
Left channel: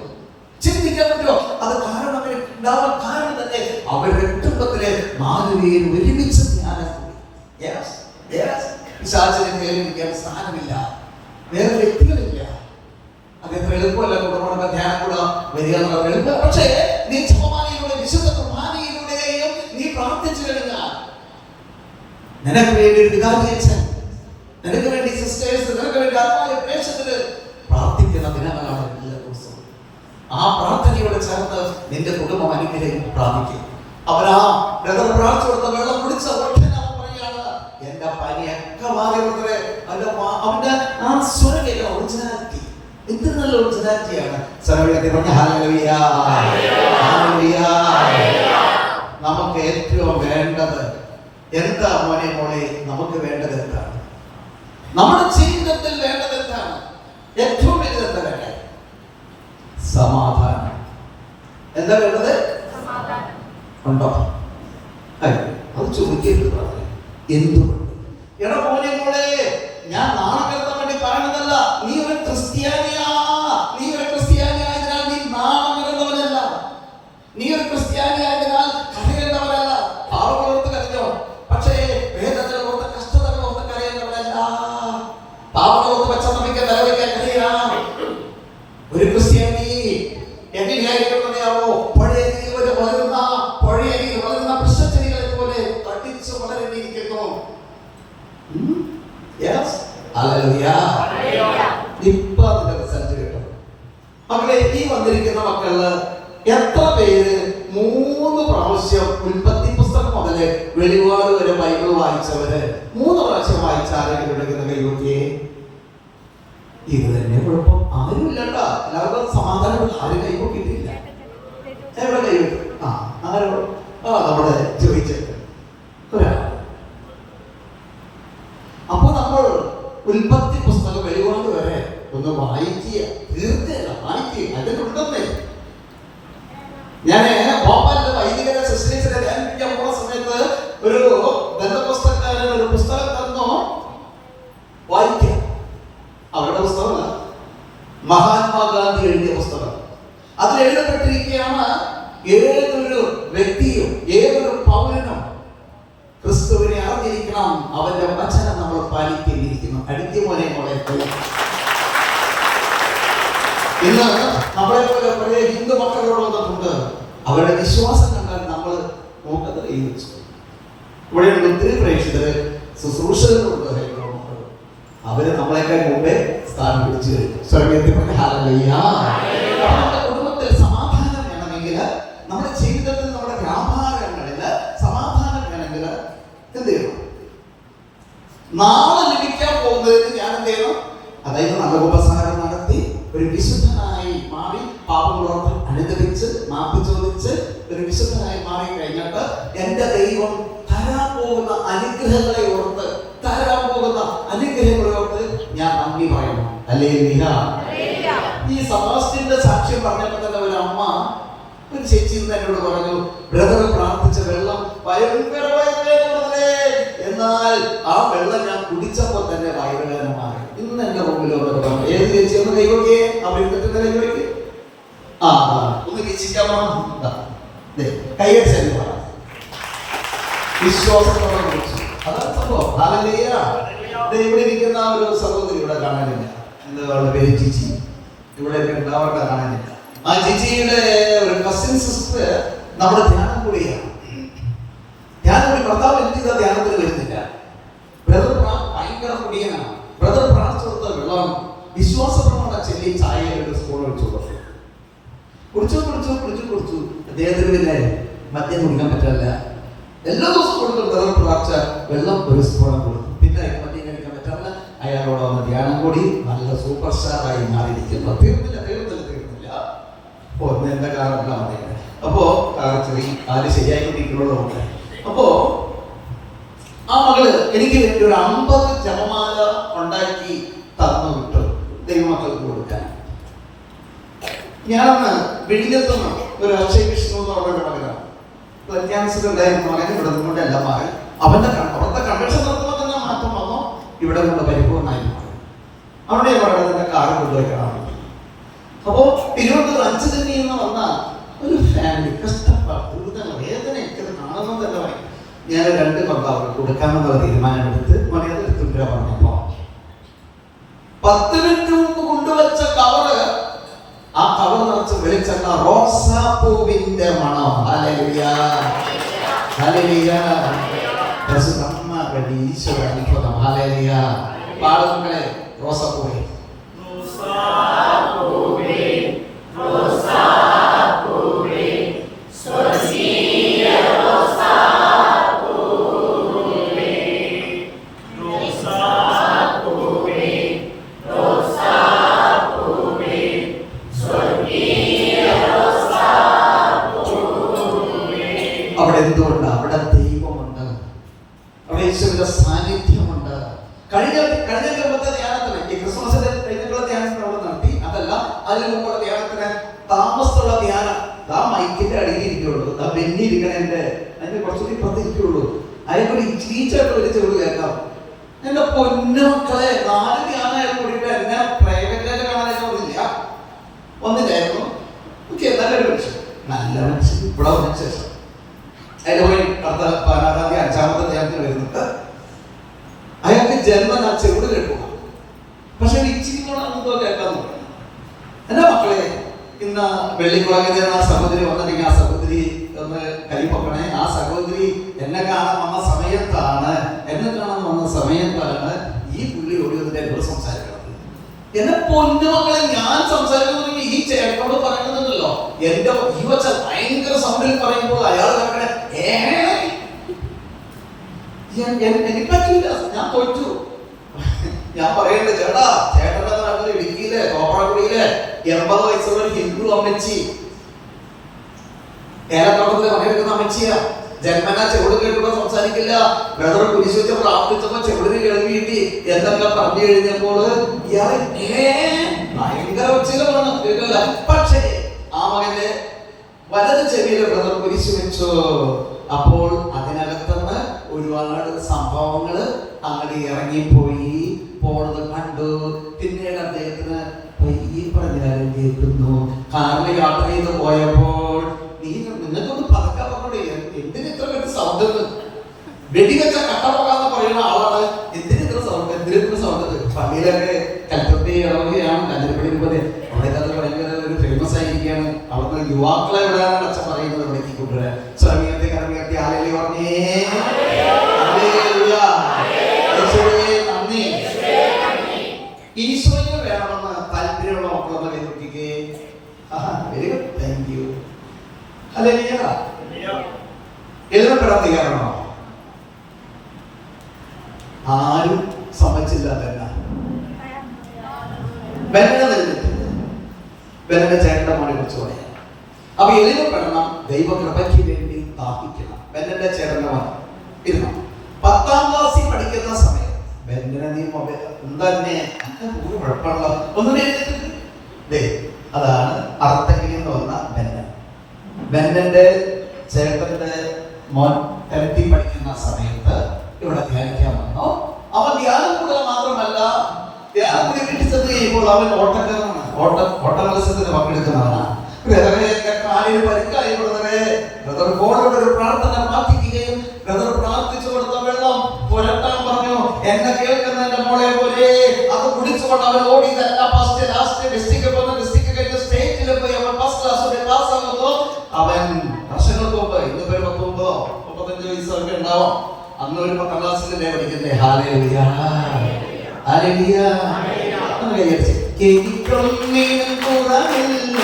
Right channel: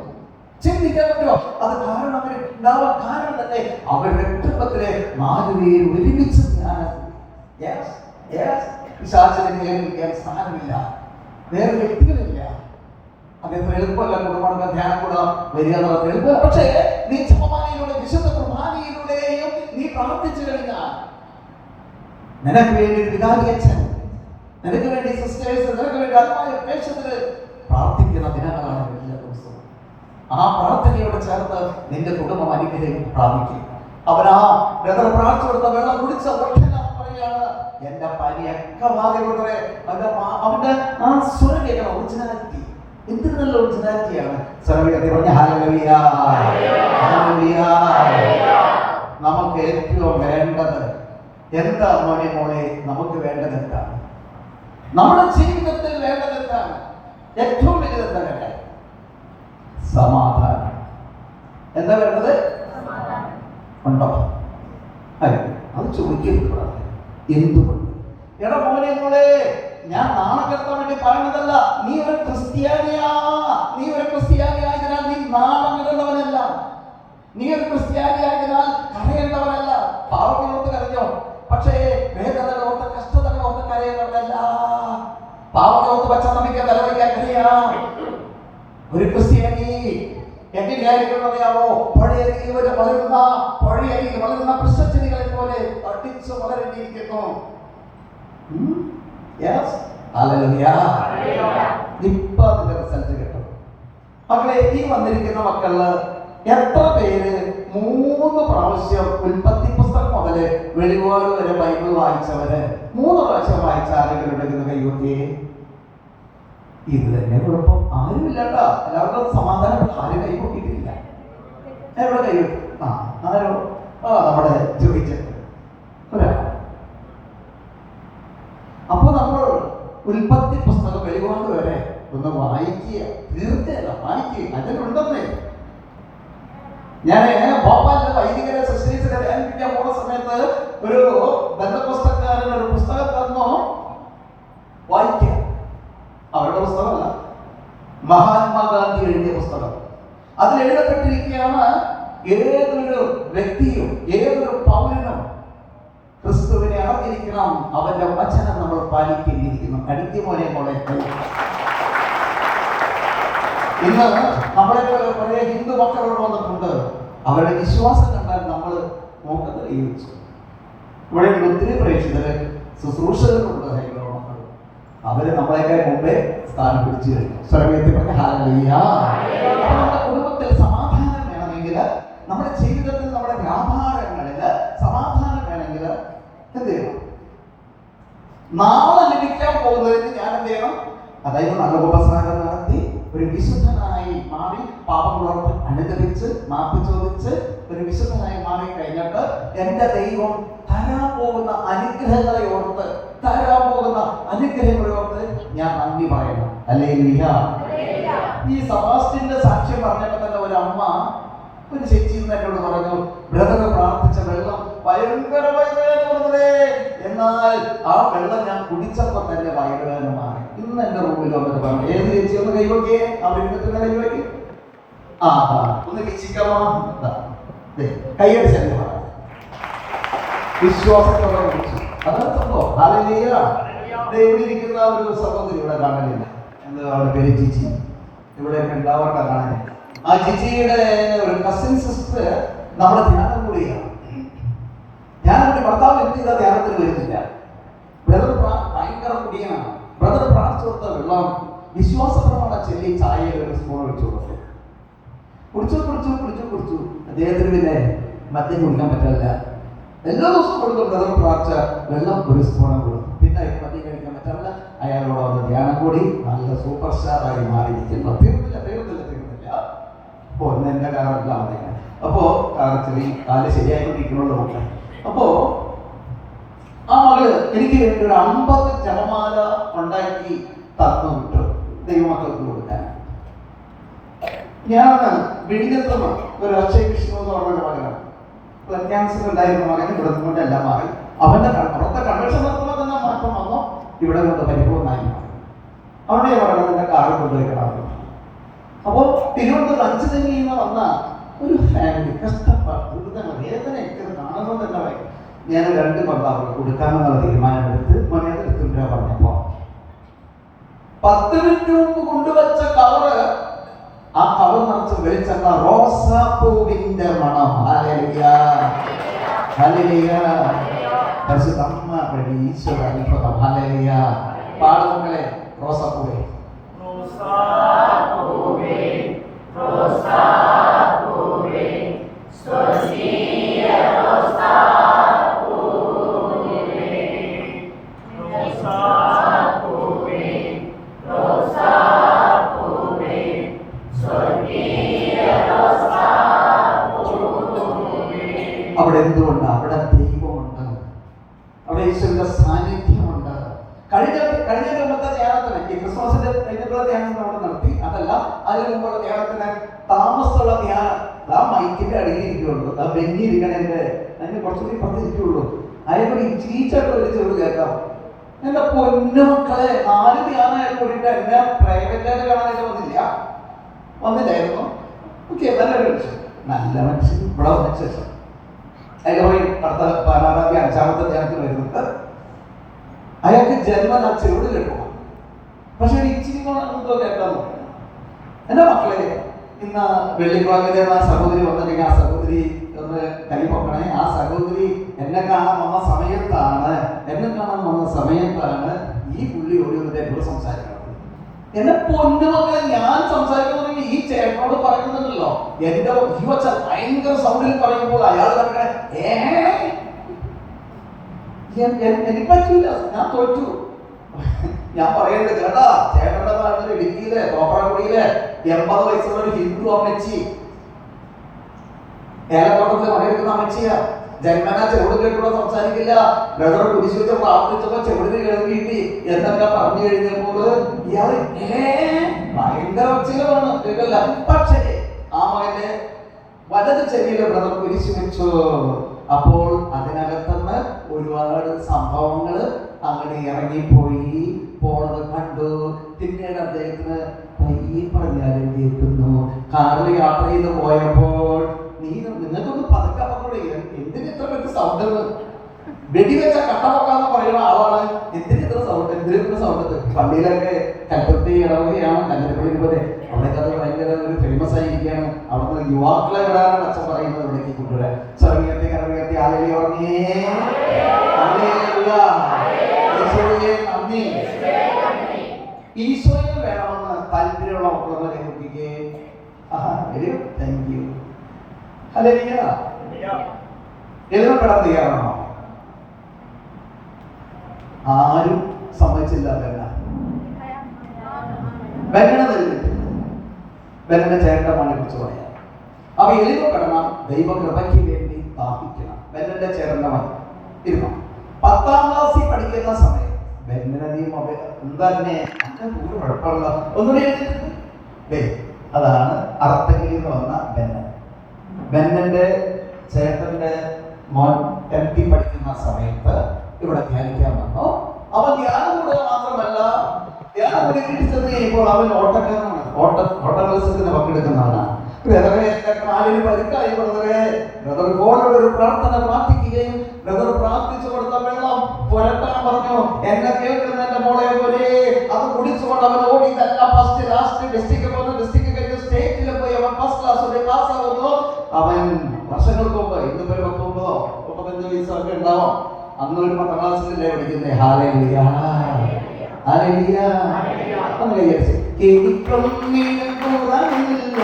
അത് കാരണം ഉണ്ടാവാൻ കാരണം തന്നെ അവരുടെ കുടുംബത്തിലെ 4 പേര് ഒരുമിച്ച് പിശാചിനെ കേൾപ്പിക്കാൻ സ്ഥാനമില്ല, വേറെ വ്യക്തികളില്ല. അത് എത്ര എളുപ്പമല്ല. കുടുംബ ധ്യാനം കൂടെ വരിക എന്നുള്ള എളുപ്പം. പക്ഷേ നീ ജപമാലയിലൂടെ, വിശുദ്ധ കുർബാനയിലൂടെയും നീ പ്രാർത്ഥിച്ചു കഴിഞ്ഞാൽ നിനക്ക് വേണ്ടി ഒരു വികാരിയച്ഛൻ, നിനക്ക് വേണ്ടി സിസ്റ്റേഴ്സ്, നിനക്ക് വേണ്ടി ആത്മാവിലെ പ്രേക്ഷകര് പ്രാർത്ഥിക്കുന്ന ദിനങ്ങളാണ് എല്ലാ ദിവസവും. ആ പ്രാർത്ഥനയോട് ചേർത്ത് നിന്റെ കുടുംബം അനുഗ്രഹം പ്രാപിക്കും. അവനാ ബ്രദർ പ്രാർത്ഥിച്ചു കൊടുത്ത വെള്ളം കുടിച്ച ഒറ്റനാ പറയാണ്, എന്റെ പനിയൊക്കെ മാറി ബ്രദറെ. അവന്റെ ആ സ്വരം കേൾക്കണം, ഒറിജിനാലിറ്റി. എന്ത് നല്ല ഒറിജിനാലിറ്റിയാണ്. പറഞ്ഞ ഹല്ലേലൂയ, ഹല്ലേലൂയ. നമുക്ക് ഏറ്റവും വേണ്ടത് എന്താ മോനെ? നമുക്ക് വേണ്ടത് എന്താണ്? നമ്മുടെ ജീവിതത്തിൽ വേണ്ടത് എന്താണ്? ഏറ്റവും വലുത് എന്താ വേണ്ടത്? സമാധാനം. എന്താ വേണ്ടത്? ഉണ്ടോ? അത് ചോദിക്കരുത്. എന്തുകൊണ്ട്? എടാ മോനെ, ഞാൻ നാണക്കെടുത്താൻ വേണ്ടി പറയണതല്ല. നീ ഒരു ക്രിസ്ത്യാനിയായതിനാൽ നീ നാണം കരുന്നവനല്ല. നീ ഒരു ക്രിസ്ത്യാനിയായതിനാൽ കരയേണ്ടവനല്ല. പാവങ്ങളോർത്ത് കരഞ്ഞോ? പക്ഷേ വേദനകളോർത്ത്, കഷ്ടതകളോർത്ത് കരയേണ്ടവനല്ല. പാവങ്ങളോർത്ത് പച്ചനമിക്കാൻ തലവയ്ക്കാൻ കരയാം. ഒരു ക്രിസ്ത്യാനി എങ്ങനെയായിരിക്കും അറിയാമോ? പഴയ വളരുന്ന വൃക്ഷച്ചെടികളെ പോലെ തടിച്ചു വളരേണ്ടിയിരിക്കുന്നു. ഇപ്പൊ അതിന്റെ റിസൾട്ട് കിട്ടും. മക്കളെ, ഈ വന്നിരിക്കുന്ന മക്കളില് എത്ര പേര് 3 പ്രാവശ്യം ഉൽപ്പത്തി പുസ്തകം മുതല് വെളിപാട് വരെ ബൈബിൾ വായിച്ചവര്? 3 പ്രാവശ്യം വായിച്ച ആരെങ്കിലും എടുക്കുന്ന കൈവത്തിയെ? ഇത് തന്നെ കുഴപ്പം. ആരും ഇല്ലട്ടോ. എല്ലാവർക്കും സമാധാനം. ആരും കൈപ്പൊക്കിയിട്ടില്ല. എവിടെ കൈവത്തി? ആരോ നമ്മുടെ ചോദിച്ചത് ഒരാൾ. അപ്പൊ നമ്മൾ ഉൽപ്പത്തി പുസ്തകം വെളിപാട് വരെ ഒന്ന് വായിക്കുക. തീർച്ചയല്ല, വായിക്കുക. അതിലുണ്ടെന്നേ. ഞാന് ഭോപ്പാലിലെ വൈദികരെ ശുശ്രൂഷയെ ധ്യാനിപ്പിക്കാൻ പോകുന്ന സമയത്ത് ഒരു ബന്ധപുസ്തകക്കാരൻ ഒരു പുസ്തകം തന്നോ, വായിക്കാം. അവരുടെ പുസ്തകമല്ല, മഹാത്മാഗാന്ധി എഴുതിയ പുസ്തകം. അതിൽ എഴുതപ്പെട്ടിരിക്കുകയാണ്, ഏതൊരു വ്യക്തിയും ഏതൊരു പൗരനും ക്രിസ്തുവിനെ അറിഞ്ഞിരിക്കണം, അവന്റെ വചനം നമ്മൾ പാലിക്കേണ്ടിയിരിക്കുന്നു. മോനെ. ഇന്ന് നമ്മളെ പോലെ കുറെ ഹിന്ദു മക്കളോട് വന്നിട്ടുണ്ട്. അവരുടെ വിശ്വാസം കണ്ടാൽ നമ്മൾ നോക്കുന്നത് ഈ വെച്ചു. ഇവിടെ ഒത്തിരി പ്രേക്ഷിതര് ശുശ്രൂഷകരുണ്ട്. ഹൈന്ദവ മക്കൾ അവര് നമ്മളെയൊക്കെ മുമ്പേ സ്ഥാനം പിടിച്ചു കഴിഞ്ഞു. സ്വർഗത്തിൽ പറഞ്ഞ ഹല്ലേലൂയ. അപ്പോൾ നമ്മുടെ കുടുംബത്തിൽ സമാധാനം വേണമെങ്കിൽ, നമ്മുടെ ജീവിതത്തിൽ, നമ്മുടെ വ്യാപാരങ്ങളിൽ സമാധാനം വേണമെങ്കിൽ എന്ത് ചെയ്യണം? നാളെ ലഭിക്കാൻ പോകുന്നതിന് ഞാൻ എന്ത് ചെയ്യണം? അതായത് നല്ല ഉപസാരം നടത്തി ഒരു വിശുദ്ധനായി മാറി, പാപങ്ങളോർത്ത് അനുദപിച്ച് മാപ്പ് ചോദിച്ച് ഒരു വിശുദ്ധനായി മാറി കഴിഞ്ഞിട്ട് എന്റെ ദൈവം തരാൻ പോകുന്ന അനുഗ്രഹങ്ങളെ ഓർത്ത് ഞാൻ നന്ദി പറയണം. ഹല്ലേലൂയ. ഈ സെബാസ്റ്റ്യന്റെ സാക്ഷ്യം പറഞ്ഞപ്പോൾ തന്നെ ഒരു അമ്മ, ഒരു ചേച്ചി എന്നോട് പറഞ്ഞു, ബ്രദർ പ്രാർത്ഥിച്ച വെള്ളം ഭയങ്കര വയറുവേദന, എന്നാൽ ആ വെള്ളം ഞാൻ കുടിച്ചപ്പോൾ തന്നെ വയറുവേദന മാറി. ഇന്ന് എന്റെ റൂമിൽ വന്നിട്ട് പറഞ്ഞു, ഏത് ചേച്ചി ഒന്ന് കൈവയ്ക്കേ? അവരിട്ട് കൈവയ്ക്ക്. ഒന്ന് വീക്ഷിക്കാമോ? കൈവച്ച് വിശ്വാസത്തോടെ വിളിച്ചു. അതാണ് സംഭവം. ഹല്ലേലൂയ. ഇവിടെ ഇരിക്കുന്ന ഒരു സഹോദരി ഇവിടെ കാണാനില്ല. എന്താ അവളുടെ പേര്? ജിജി. ഇവിടെയൊക്കെ ഉണ്ടാവേണ്ട കാണാനില്ല. ആ ജിജിയുടെ ഒരു കസിൻ സിസ്റ്റർ നമ്മുടെ ധ്യാനം കൂടിയാണ്. ഭർത്താവ് എന്ത് ചെയ്താൽ ധ്യാനത്തിന് വരുന്നില്ല. ബ്രദർ ഭയങ്കര കുടിയനാണ്. ബ്രദർ പ്രാർത്ഥിച്ചു കൊടുത്ത വെള്ളം വിശ്വാസപ്രമാണം ചെല്ലി ചായയിൽ ഒരു സ്പൂൺ ഒഴിച്ചു കൊടുത്തു. കുടിച്ചു. അദ്ദേഹത്തിന് പിന്നെ മദ്യം കുടിക്കാൻ പറ്റില്ല. എല്ലാ ദിവസവും കൊടുക്കും. ബ്രദർ പ്രാർത്ഥിച്ച വെള്ളം ഒരു സ്പൂൺ കൊടുക്കും. പിന്നെ മദ്യം കഴിക്കാൻ പറ്റില്ല. അയാളോട് വന്ന് ധ്യാനം കൂടി നല്ല സൂപ്പർ സ്റ്റാറായി മാറിയിരിക്കുന്നു. തീർന്നില്ല. ഒന്ന് എന്റെ കാറല്ല മതിയാണ്. അപ്പോ കാല് ശരിയായിക്കൊണ്ടിരിക്കണുള്ളൂ. അപ്പോ ആ മകള് എനിക്ക് വേണ്ടി ഒരു 50 ജപമാല ഉണ്ടാക്കി തന്നു വിട്ടു, ദൈവമക്കൾക്ക് കൊടുക്കാൻ. ഞാനന്ന് വിഴിഞ്ഞത്തുനിന്ന് ഒരു അക്ഷയ് വിഷ്ണു എന്ന് പറഞ്ഞൊരു മകനാണ്. ബ്ലഡ് ക്യാൻസർ ഉണ്ടായിരുന്ന മകൻ ഇവിടെ നിന്നുകൊണ്ട് എല്ലാം മാറി. അവിടുത്തെ കൺവെൻഷൻ നടത്തുമ്പോൾ തന്നെ മാറ്റം വന്നോ, ഇവിടെ കൊണ്ട് പരിപൂർണ്ണമായി മാറി. അവിടെ ഞാൻ പറയുന്നത് എന്റെ കാറ് കൊണ്ടുപോയിക്കണം. അപ്പോ തിരുവനന്തപുരം 5 തന്നെ നിന്ന് വന്ന ഒരു ഫാമിലി കഷ്ടപ്പാട് വേദനയൊക്കെ കാണുന്നതല്ല. ഞാൻ 2 കൊണ്ട അവർക്ക് കൊടുക്കാമെന്നുള്ള തീരുമാനമെടുത്ത് എടുത്തിട്ട് പറഞ്ഞപ്പോ 10 മിനിറ്റ് മുമ്പ് കൊണ്ടുവച്ച കവറ്, ആ കവർ നിറച്ച് വെളിച്ചെണ്ണ, റോസാപ്പൂവിന്റെ മണം. Hallelujah, hallelujah. പരിശുദ്ധമ്മ വഴി ഈശോയുടെ അനുഭവം. ഹല്ലേലൂയ. പാടുമക്കളെ, റോസാപ്പൂവേ Rosa, Rosa, Rosa, അവിടെ എന്തുകൊണ്ട്? അവിടെ ദൈവമുണ്ട്, അവിടെ യേശുവിന്റെ സാന്നിധ്യമുണ്ട്. കഴിഞ്ഞ മുമ്പത്തെ ധ്യാനത്തിന്, ഈ ക്രിസ്മസിന്റെ കഴിഞ്ഞുള്ള ധ്യാനത്തിന് അവിടെ നടത്തി. അതല്ല, അതിന് മുമ്പുള്ള ധ്യാനത്തിന് താമസമുള്ള ധ്യാനം ആ മൈക്കിന്റെ അടിയിൽ ഇരിക്കുള്ളൂ, ആ ബെന്നി ഇരിക്കണേന്റെ അതിന്റെ കുറച്ചുകൂടി ഇപ്പുറത്ത് ഇരിക്കുള്ളൂ. അതിനൊരു ഇച്ചിരിച്ചായിട്ട് ഒരു ചെവിട് കേൾക്കാം. എന്റെ പൊന്നുമക്കളെ, 4 ധ്യാനമായിട്ട് കൂടിയിട്ട് എന്നെ പ്രൈവറ്റായിട്ട് കാണാനായിട്ട് വന്നില്ലായിരുന്നു. നല്ല മനുഷ്യൻ ഇവിടെ വന്ന ശേഷം അതിന്റെ പോയി അടുത്ത 14-ാം തീയതി 5-ാമത്തെ ധ്യാനത്തിൽ വരുന്നുണ്ട്. അയാൾക്ക് ജന്മം ആ ചെവിട് കേൾക്കുക, പക്ഷെ ഇച്ചിരി കൂടെ എന്തോ കേൾക്കാൻ നോക്കണം. എന്റെ മക്കളെ, ഇന്ന് വെള്ളിക്കുളങ്ങര ആ സഹോദരി വന്നിട്ടുണ്ടെങ്കിൽ ആ സഹോദരി ഒന്ന് കലിപ്പൊക്കണേ. ആ സഹോദരി എന്നെ കാണാൻ വന്ന സമയത്താണ് ഈ പുള്ളി ഓടി വന്നിട്ട് എന്നോട് സംസാരിക്കണം. എന്നെ പൊന്നുമക്കളെ, ഞാൻ സംസാരിക്കുന്നുണ്ടെങ്കിൽ ഈ ചേട്ടനോട് പറയുന്നുണ്ടല്ലോ, എന്റെ ഈ വച്ച ഭയങ്കര സൗണ്ടിൽ പറയുമ്പോൾ അയാൾ കേൾക്കണേ, എനിക്ക് പറ്റൂല, ഞാൻ തോറ്റു. ഞാൻ പറയണ്ടേ, ചേട്ടന്റെ നാട്ടിൽ ഇടുക്കിയിലെ തോപ്പറക്കുടിയിലെ 80 വയസ്സുള്ള ഒരു ഹിന്ദു അമ്മച്ചി, ഏലത്തോട്ടത്തിൽ പണിയെടുക്കുന്ന അമ്മച്ചിയാ. ജന്മനാ ചെവിട് കേട്ടുകൂടെ സംസാരിക്കില്ല. ബ്രദർ കുരിശ് വെച്ച് പ്രാർത്ഥിച്ചപ്പോ ചെവിടിന് കേൾവി കിട്ടി. എന്തൊക്കെ പറഞ്ഞു കഴിഞ്ഞപ്പോൾ ഇയാൾ ഭയങ്കര ഉച്ചയിലാണ് കേൾക്കില്ല. പക്ഷേ ആ മകന്റെ വലത് ചെവിയിലെ ബ്രദർ കുരിശ് വെച്ചു. അപ്പോൾ അതിനകത്തുനിന്ന് ഒരുപാട് സംഭവങ്ങള് അങ്ങനെ ഇറങ്ങിപ്പോയി. പോണത് കണ്ടു. പിന്നീട് അദ്ദേഹത്തിന് പയ്യെ പറഞ്ഞാലും കേൾക്കുന്നു. കാറിൽ യാത്ര ചെയ്ത് പോയപ്പോൾ നിങ്ങൾക്കൊന്ന് പതുക്കെ പറഞ്ഞൂടെ, എന്തിന് ഇത്ര വലിയ സൗണ്ട്? വെടിവെച്ച കട്ടപ്പോകാന്ന് പറയുന്ന ആളാണ്. എന്തിനിത്ര സൗണ്ട്? പള്ളിയിലൊക്കെ കൽപ്പത്തി ഇടവകയാണ്, കല്ലിപ്പള്ളി പോലെ. അവിടേക്ക് അത് ഭയങ്കര ഒരു ഫേമസ് ആയിരിക്കുകയാണ്. അവിടുന്ന് യുവാക്കളെ വിടാനാണ് അച്ഛൻ പറയുന്നത് ഇവിടേക്ക് കൊണ്ടുവരാൻ. സ്വരമിയത്തി കരമിയത്തി ആലയിലെ പറഞ്ഞേ നന്ദി. ഈശോയെ വേണമെന്ന് താല്പര്യമുള്ള മക്കളൊക്കെ കൈ നോക്കിക്കേ. Very good, thank you. എഴുതപ്പെടാൻ തയ്യാറാണോ? ആരും സമ്മതിച്ചില്ല. ബെന്നന്റെ ചേട്ടന്റെ മോനെ കുറിച്ച് പറയാം. അപ്പൊ എഴുതപ്പെടണം, ദൈവകൃപയ്ക്ക് വേണ്ടി ദാഹിക്കണം. ബെന്നന്റെ ചേട്ടന്റെ മോൻ ഇരുന്നു 10-ാം ക്ലാസ്സിൽ പഠിക്കുന്ന സമയം ബെന്നനെ നീ തന്നെ കുഴപ്പമുള്ള ഒന്നും എഴുതിയിട്ടുണ്ട്. അതാണ് അർത്ഥങ്ങളിൽ നിന്ന് വന്ന ബെന്നൻ. ബെന്നന്റെ ചേട്ടന്റെ മോൻ 10th പഠിക്കുന്ന സമയത്ത് ഇവിടെ ധ്യാനിക്കാൻ വന്നു. അവൻ ധ്യാനം കൂടുക മാത്രമല്ല, ധ്യാനം കൂടി വീട്ടിൽ ചെന്ന് കഴിയുമ്പോൾ അവൻ ഓട്ടക്കാരനാണ്. ഓട്ട മത്സരത്തിന് പങ്കെടുക്കുന്നവനാണ്. കാലിന് പരിക്കായി. ബ്രദർ ഫോണിലൂടെ ഒരു പ്രാർത്ഥന പ്രാർത്ഥിക്കുകയും ബ്രദർ പ്രാർത്ഥിച്ചു കൊടുത്ത വെള്ളം പുരട്ടാൻ പറഞ്ഞു. എന്നെ കേൾക്കുന്ന എന്റെ മോളെ പോലെ അത് കുടിച്ചുകൊണ്ട് അവൻ ഓടി. ലാസ്റ്റ് ഡിസ്ട്രിക്ട് പോകുന്ന ഡിസ്ട്രിക്ട് കഴിഞ്ഞ് സ്റ്റേറ്റിൽ പോയി അവൻ ഫസ്റ്റ് ക്ലാസ്സിൽ പാസ്സാകുന്നു. അവൻ വർഷങ്ങൾക്ക് മുമ്പ്, ഇന്നിപ്പോ 39-35 വയസ്സൊക്കെ ഉണ്ടാവും. അന്ന് ഒരു 10ാം ക്ലാസ്സിലല്ലേ പഠിക്കുന്നേ. Hallelujah, hallelujah. എനിക്കൊന്നിനും കുറവില്ല,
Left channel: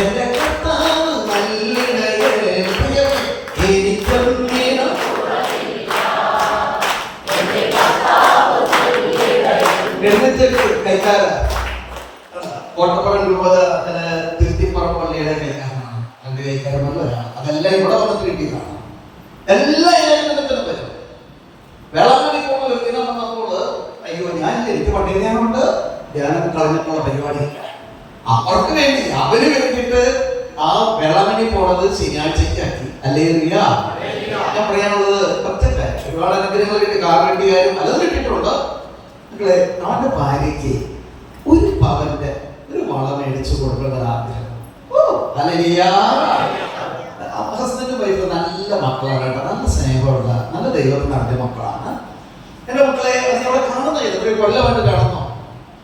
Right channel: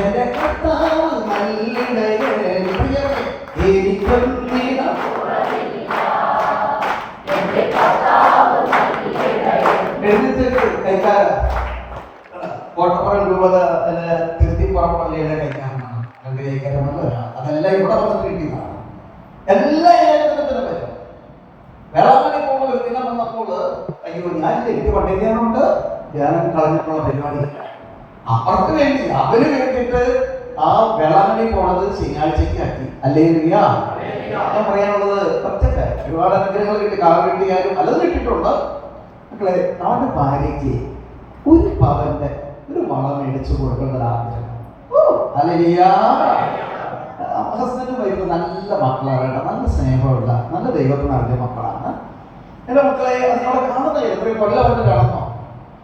എന്റെ കർത്താവ് നല്ലിടയൻ. എനിക്കൊന്നിനും എഴുന്നേറ്റ് കൈക്കാരൻ കോട്ടപ്പുറം രൂപത തിരുത്തിപ്പുറം പള്ളിയുടെ കൈക്കാരനാണ്. 2 കൈക്കാരനല്ല, അതെല്ലാം ഇവിടെ വന്നിട്ട് കിട്ടിയതാണ്. എല്ലാ ഏകദേശത്തിനും വരും. വേളാങ്കണ്ണി പോകുന്ന ഒരു ദിനം വന്നപ്പോൾ അയ്യോ, എനിക്ക് പണ്ടേ ധ്യാനമുണ്ട്, ധ്യാനം കളഞ്ഞിട്ടുള്ള പരിപാടി. അവർക്ക് വേണ്ടി, അവന് വേണ്ടിയിട്ട് ആ വേളാങ്കണ്ണി പോണത് ശനിയാഴ്ചയ്ക്ക് ആക്കി. ഹല്ലേലൂയ. ഞാൻ പറയാനുള്ളത് ഒറ്റ ഒരുപാട് അനുഗ്രഹങ്ങൾ കിട്ടി. കാർ കിട്ടിയാലും പലതും കിട്ടിയിട്ടുണ്ട്. മക്കളെ, അവന്റെ ഭാര്യയ്ക്ക് 1 പവന്റെ ഒരു വള മേടിച്ചു കൊടുക്കേണ്ടത് ആഗ്രഹം. ഹല്ലേലൂയ. ഹസ്ബൻഡും വൈഫ് നല്ല മക്കളാണ്, നല്ല സ്നേഹമുള്ള, നല്ല ദൈവത്തിന് അറിഞ്ഞ മക്കളാണ്. എന്റെ മക്കളെ, അവിടെ കാണുന്ന എത്രയും കൊല്ലമായിട്ട് കാണുന്നു.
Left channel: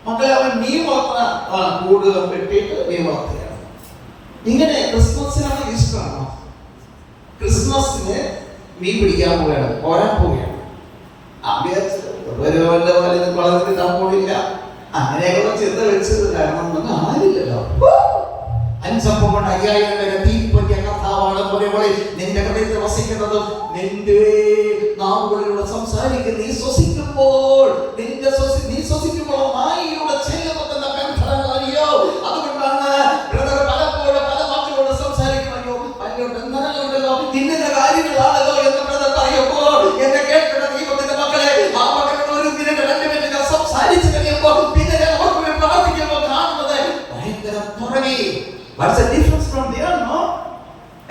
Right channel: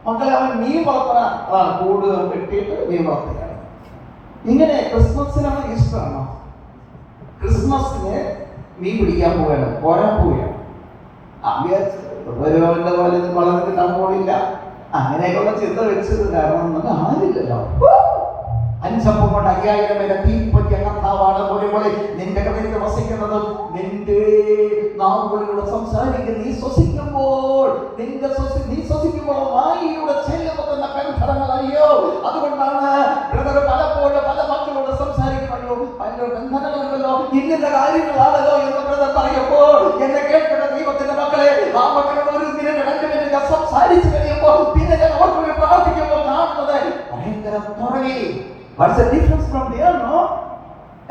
മക്കളെ, അവൻ മീൻ വളർത്തുന്ന അതാണ്, കൂട് വെട്ടിയിട്ട് മീൻ വളർത്തുകയാണ്. ഇങ്ങനെ ക്രിസ്മസിനാണ്, ഈസ്റ്ററാണോ, ക്രിസ്മസിന് മീൻ പിടിക്കാൻ പോവുകയാണ്, പോരാൻ പോവുകയാണ്. ഒരുവന്റെ പോലെ വളർത്തി കിട്ടാൻ പോണില്ല. അങ്ങനെയൊക്കെയുള്ള ചിന്ത വെച്ചിട്ടുണ്ടായിരുന്നു. ആരില്ലല്ലോ. 5 അപ്പം കൊണ്ട് 5000 പേരെ തീപ്പറ്റിയ കർത്താവാണ്. പോലെ നിന്റെ ഹൃദയത്തിൽ വസിക്കുന്നത്, നിന്റെ നാവുകളിലൂടെ സംസാരിക്കുന്ന നീ ശ്വസിക്കുമ്പോൾ, നീ ശ്വസിക്കുമ്പോൾ നായിയുടെ ചെല്ലുമെന്ന ബന്ധനങ്ങൾ അറിയോ. അതുകൊണ്ടാണ് ബ്രദർ പലപ്പോഴും പല വാക്കുകളോട് സംസാരിക്കുന്നയോ, ഭയങ്കര ബന്ധനങ്ങളുണ്ടല്ലോ. ഇന്ന കാര്യങ്ങളാണല്ലോ എന്ന് ബ്രദർ പറയുമ്പോൾ എന്നെ കേൾക്കുന്ന ദൈവത്തിന്റെ മക്കളെ, ആ മക്കളുടെ ഒരു മിനിറ്റ് 2 മിനിറ്റ് ഞാൻ സംസാരിച്ചു കഴിയുമ്പോൾ പിന്നെ ഞാൻ ഓർമ്മ പ്രാർത്ഥിക്കുമ്പോൾ കാണുന്നത് ഭയങ്കര തുടങ്ങി. What's the difference from there, no?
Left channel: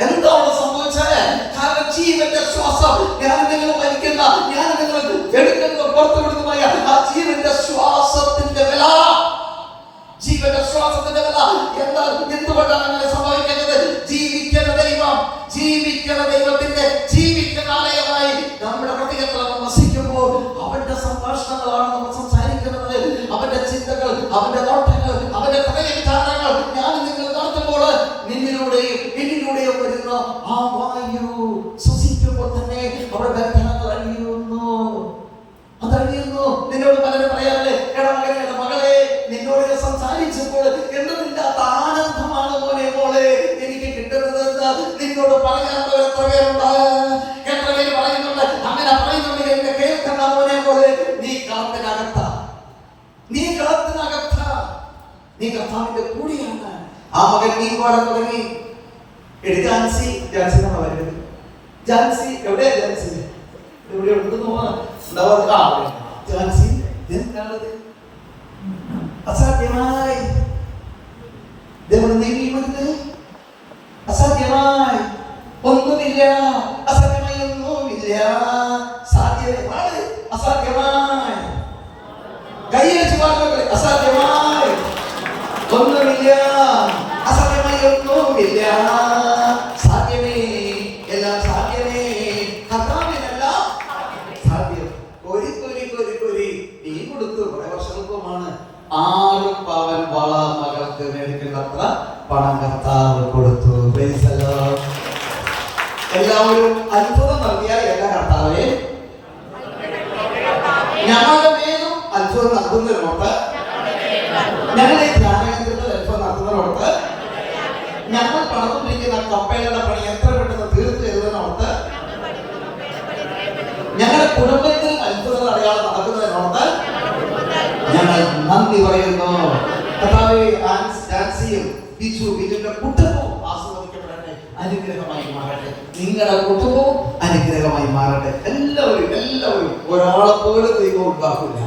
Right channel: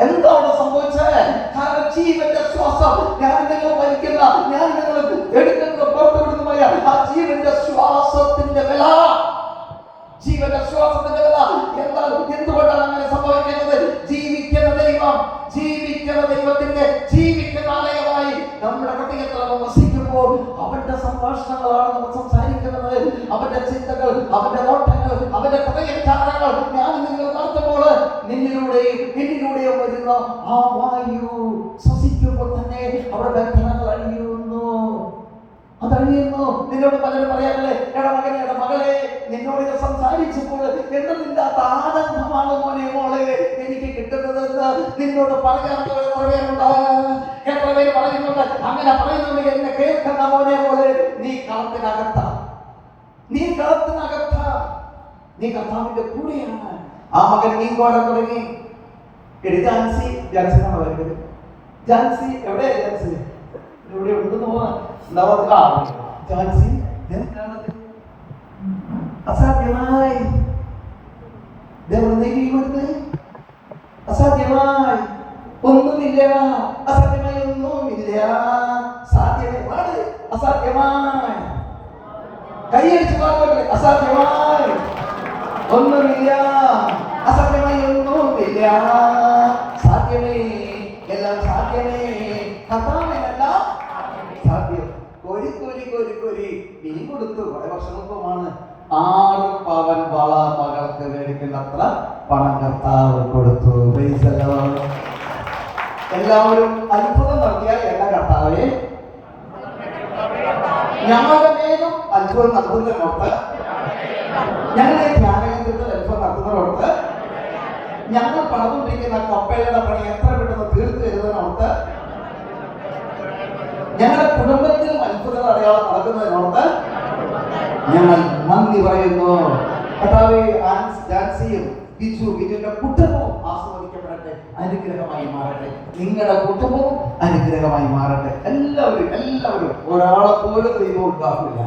എന്താണ് സംഭവിച്ചത്? കാരണം ജീവന്റെ ശ്വാസം ഞാൻ നിങ്ങൾ വലിക്കുന്ന, ഞാൻ നിങ്ങൾ എടുക്കുന്ന, പുറത്തുവിടുന്നതായ ആ ജീവന്റെ ശ്വാസത്തിന്റെ വില, ജീവന്റെ ശ്വാസത്തിന്റെ വില എന്താണ്? എന്തുകൊണ്ടാണ് അങ്ങനെ സംഭവിക്കുന്നത്? ജീവിക്കുന്ന ദൈവം, ജീവിക്കുന്ന ദൈവത്തിന്റെ ജീവിക്കുന്ന ആലയമായി നമ്മുടെ ഹൃദയത്തിൽ നമ്മൾ വസിക്കുമ്പോൾ അവന്റെ സംഭാഷണങ്ങളാണ് നമ്മൾ സംസാരിക്കുന്നത്. അവന്റെ ചിന്തകൾ, അവന്റെ നോട്ടങ്ങൾ, അവന്റെ ഹൃദയചാരങ്ങൾ ഞാൻ നിങ്ങൾ നടത്തുമ്പോൾ നിന്നിലൂടെയും എന്നിലൂടെയും വരുന്ന ആ വായു ശ്വസിക്കുമ്പോൾ തന്നെ അവിടെ ബന്ധനങ്ങൾ അഴിയുന്നു, അതഴിയുന്നു. നിന്നോട് പലരും പറയാറില്ലേ, എടാ മകനെ, എടാ മകളെ, നിന്നോട് സംസാരിച്ചപ്പോൾ എന്തെന്നില്ലാത്ത ആനന്ദമാണ് മോനെ മോളെ എനിക്ക് കിട്ടുന്നതെന്ന് നിന്നോട് പറയാൻ എത്ര പേരുണ്ട്? എത്ര പേര് പറയുന്നുണ്ട്? അങ്ങനെ പറയുന്നുണ്ട്, എന്നെ കേൾക്കണ്ട മോനെ മോളെ, നീ കാത്തിനകത്ത, നീ കളത്തിനകത്ത, നീ കർത്താവിന്റെ കൂടെയാണ്. ആ മകൻ നീ പാടാൻ തുടങ്ങി. ജാൻസി, ജാൻസി നമ്മൾ വരുന്നത്, ജാൻസി എവിടെയാ? ജാൻസി ഇവിടെ ഉണ്ടെന്ന് ജാൻസി എന്താണത്? അസാധ്യമായി അസാധ്യമായി ഒന്നുമില്ല, അസാധ്യമായി ഒന്നുമില്ല, സാധ്യമായി അസാധ്യമായി കൈയടിച്ച് പാടുന്നത്, അസാധ്യമായി ഒന്നുമില്ല, അസാധ്യമായി ഒന്നുമില്ല, സാധ്യമേ, എല്ലാം സാധ്യമേ, കർത്താവിനെല്ലാം സാധ്യം. കൊരി കൊരി കൊരി കൊരി നീ കൊടുത്തു. കുറെ വർഷങ്ങൾക്കുമാണ് 6 പവൻ വള മകൾക്ക് മേടിക്കേണ്ടത്ര പണം കർത്താവ് കൊടുത്തു. എല്ലാവരും അത്ഭുതം നൽകിയാൽ എല്ലാ കർത്താവേ ഞങ്ങളുടെ മേലും അത്ഭുതം നൽകുന്നതിനോട്ട്, ഞങ്ങളുടെ ധ്യാനകേന്ദ്രത്തിൽ അത്ഭുതം നടത്തുന്നതിനോട്ട്, ഞങ്ങൾ പണിതുകൊണ്ടിരിക്കുന്ന കപ്പയുടെ പണി എത്ര പെട്ടെന്ന് തീർത്തു തരുന്നതിനോട്ട്, ഞങ്ങളുടെ കുടുംബത്തിലും അത്ഭുതങ്ങൾ അടയാളം നടക്കുന്നതിനോട്ട് ഞങ്ങൾ നന്ദി പറയുന്നു. കർത്താവേ, ജാൻസിയും ബിജുവിന്റെ കുടുംബവും ആസ്വദിക്കപ്പെടട്ടെ, അനുഗ്രഹമായി മാറട്ടെ. നിങ്ങളുടെ കുടുംബവും അനുഗ്രഹമായി മാറട്ടെ. എല്ലാവരും എല്ലാവരും ഒരാളെ പോലെ ദൈവം ഉണ്ടാക്കില്ല.